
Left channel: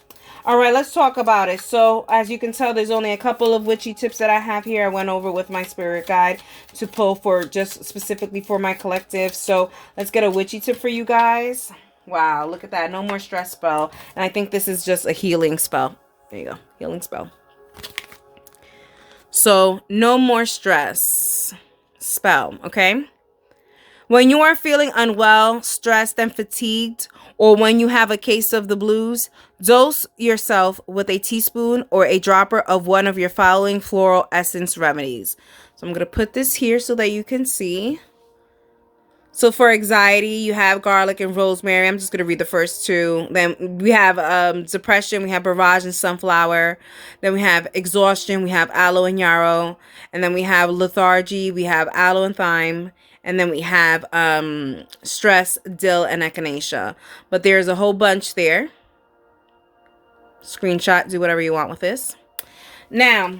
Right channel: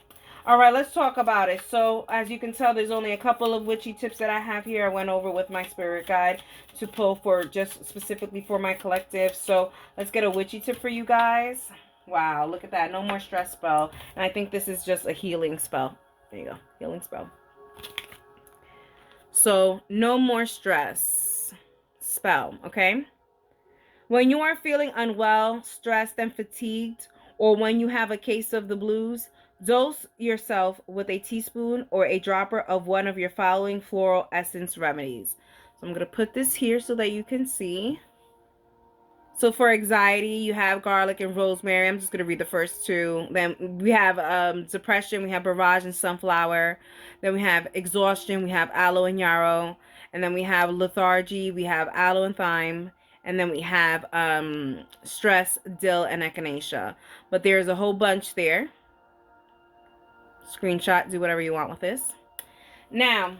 All right, let's talk about it. So as you can tell, there's only a couple of witchy tips that I have here. I went over with my spirit guide to pull for just specifically for my collective. So let's get a witchy tip for you guys. Wow, look at that. No more stress spell. And I think this is just a healing spell. There you go. Healing spell. So no more stress spell, okay? When you are feeling unwell, stressed, and fatigued, or when you have a case of the blues, dose yourself with a teaspoon or a dropper of one of your following floral essence remedies. So I'm going to put this here so that you can see. So for anxiety, you have garlic and rosemary. I'm just going to read the first two. Then we have depression. We have barrage and sunflower. Then we have exhaustion. We have aloe and yarrow. And then we have lethargy. We have aloe and thyme. And then we have stress, dill, and echinacea. But there's a whole bunch there. Screenshot, do whatever you want with this. Now,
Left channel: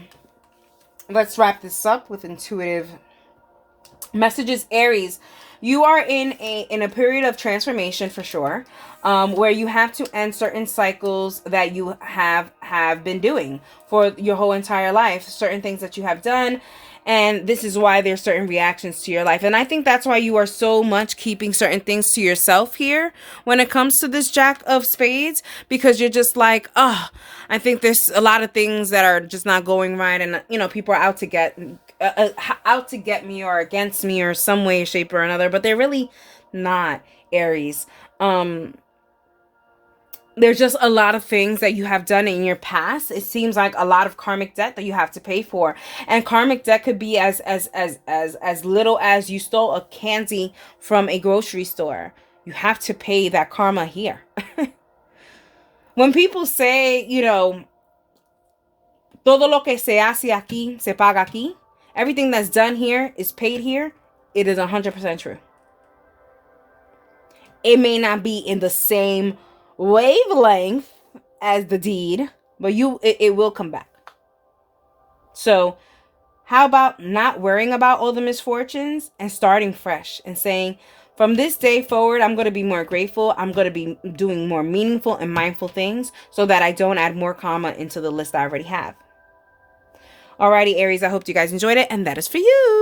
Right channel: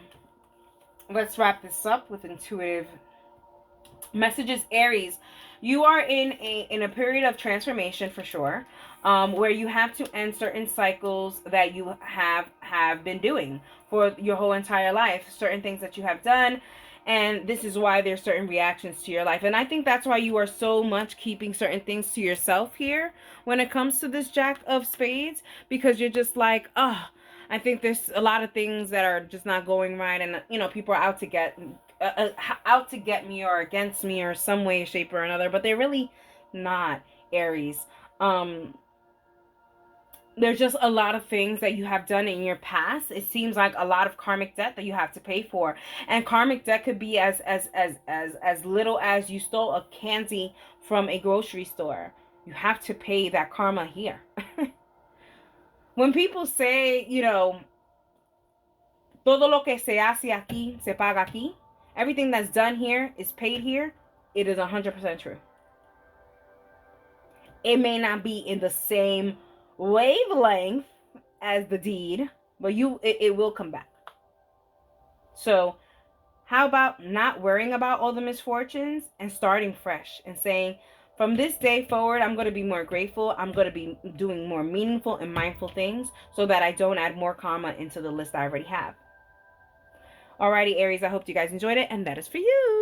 let's wrap this up with intuitive messages. Aries, you are in a period of transformation for sure, where you have to end certain cycles that you have been doing for your whole entire life, certain things that you have done. And this is why there's certain reactions to your life. And I think that's why you are so much keeping certain things to yourself here when it comes to this Jack of Spades, because you're just like, oh, I think there's a lot of things that are just not going right. And, you know, people are out to get me or against me or some way, shape or another, but they're really not, Aries. There's just a lot of things that you have done in your past. It seems like a lot of karmic debt that you have to pay for. And karmic debt could be as little as you stole a candy from a grocery store. You have to pay that karma here. When people say, you know, todo lo que se hace aquí, se paga aquí. Everything that's done here is paid here. It is 100% true. It may not be in the same wavelength as the deed, but it will come back. So how about not worrying about all the misfortunes and starting fresh and saying, from this day forward, I'm going to be more grateful. I'm going to be doing more meaningful and mindful things so that I don't add more karma into the list I already have. Alrighty, Aries, I hope you guys enjoyed it, and that is for you.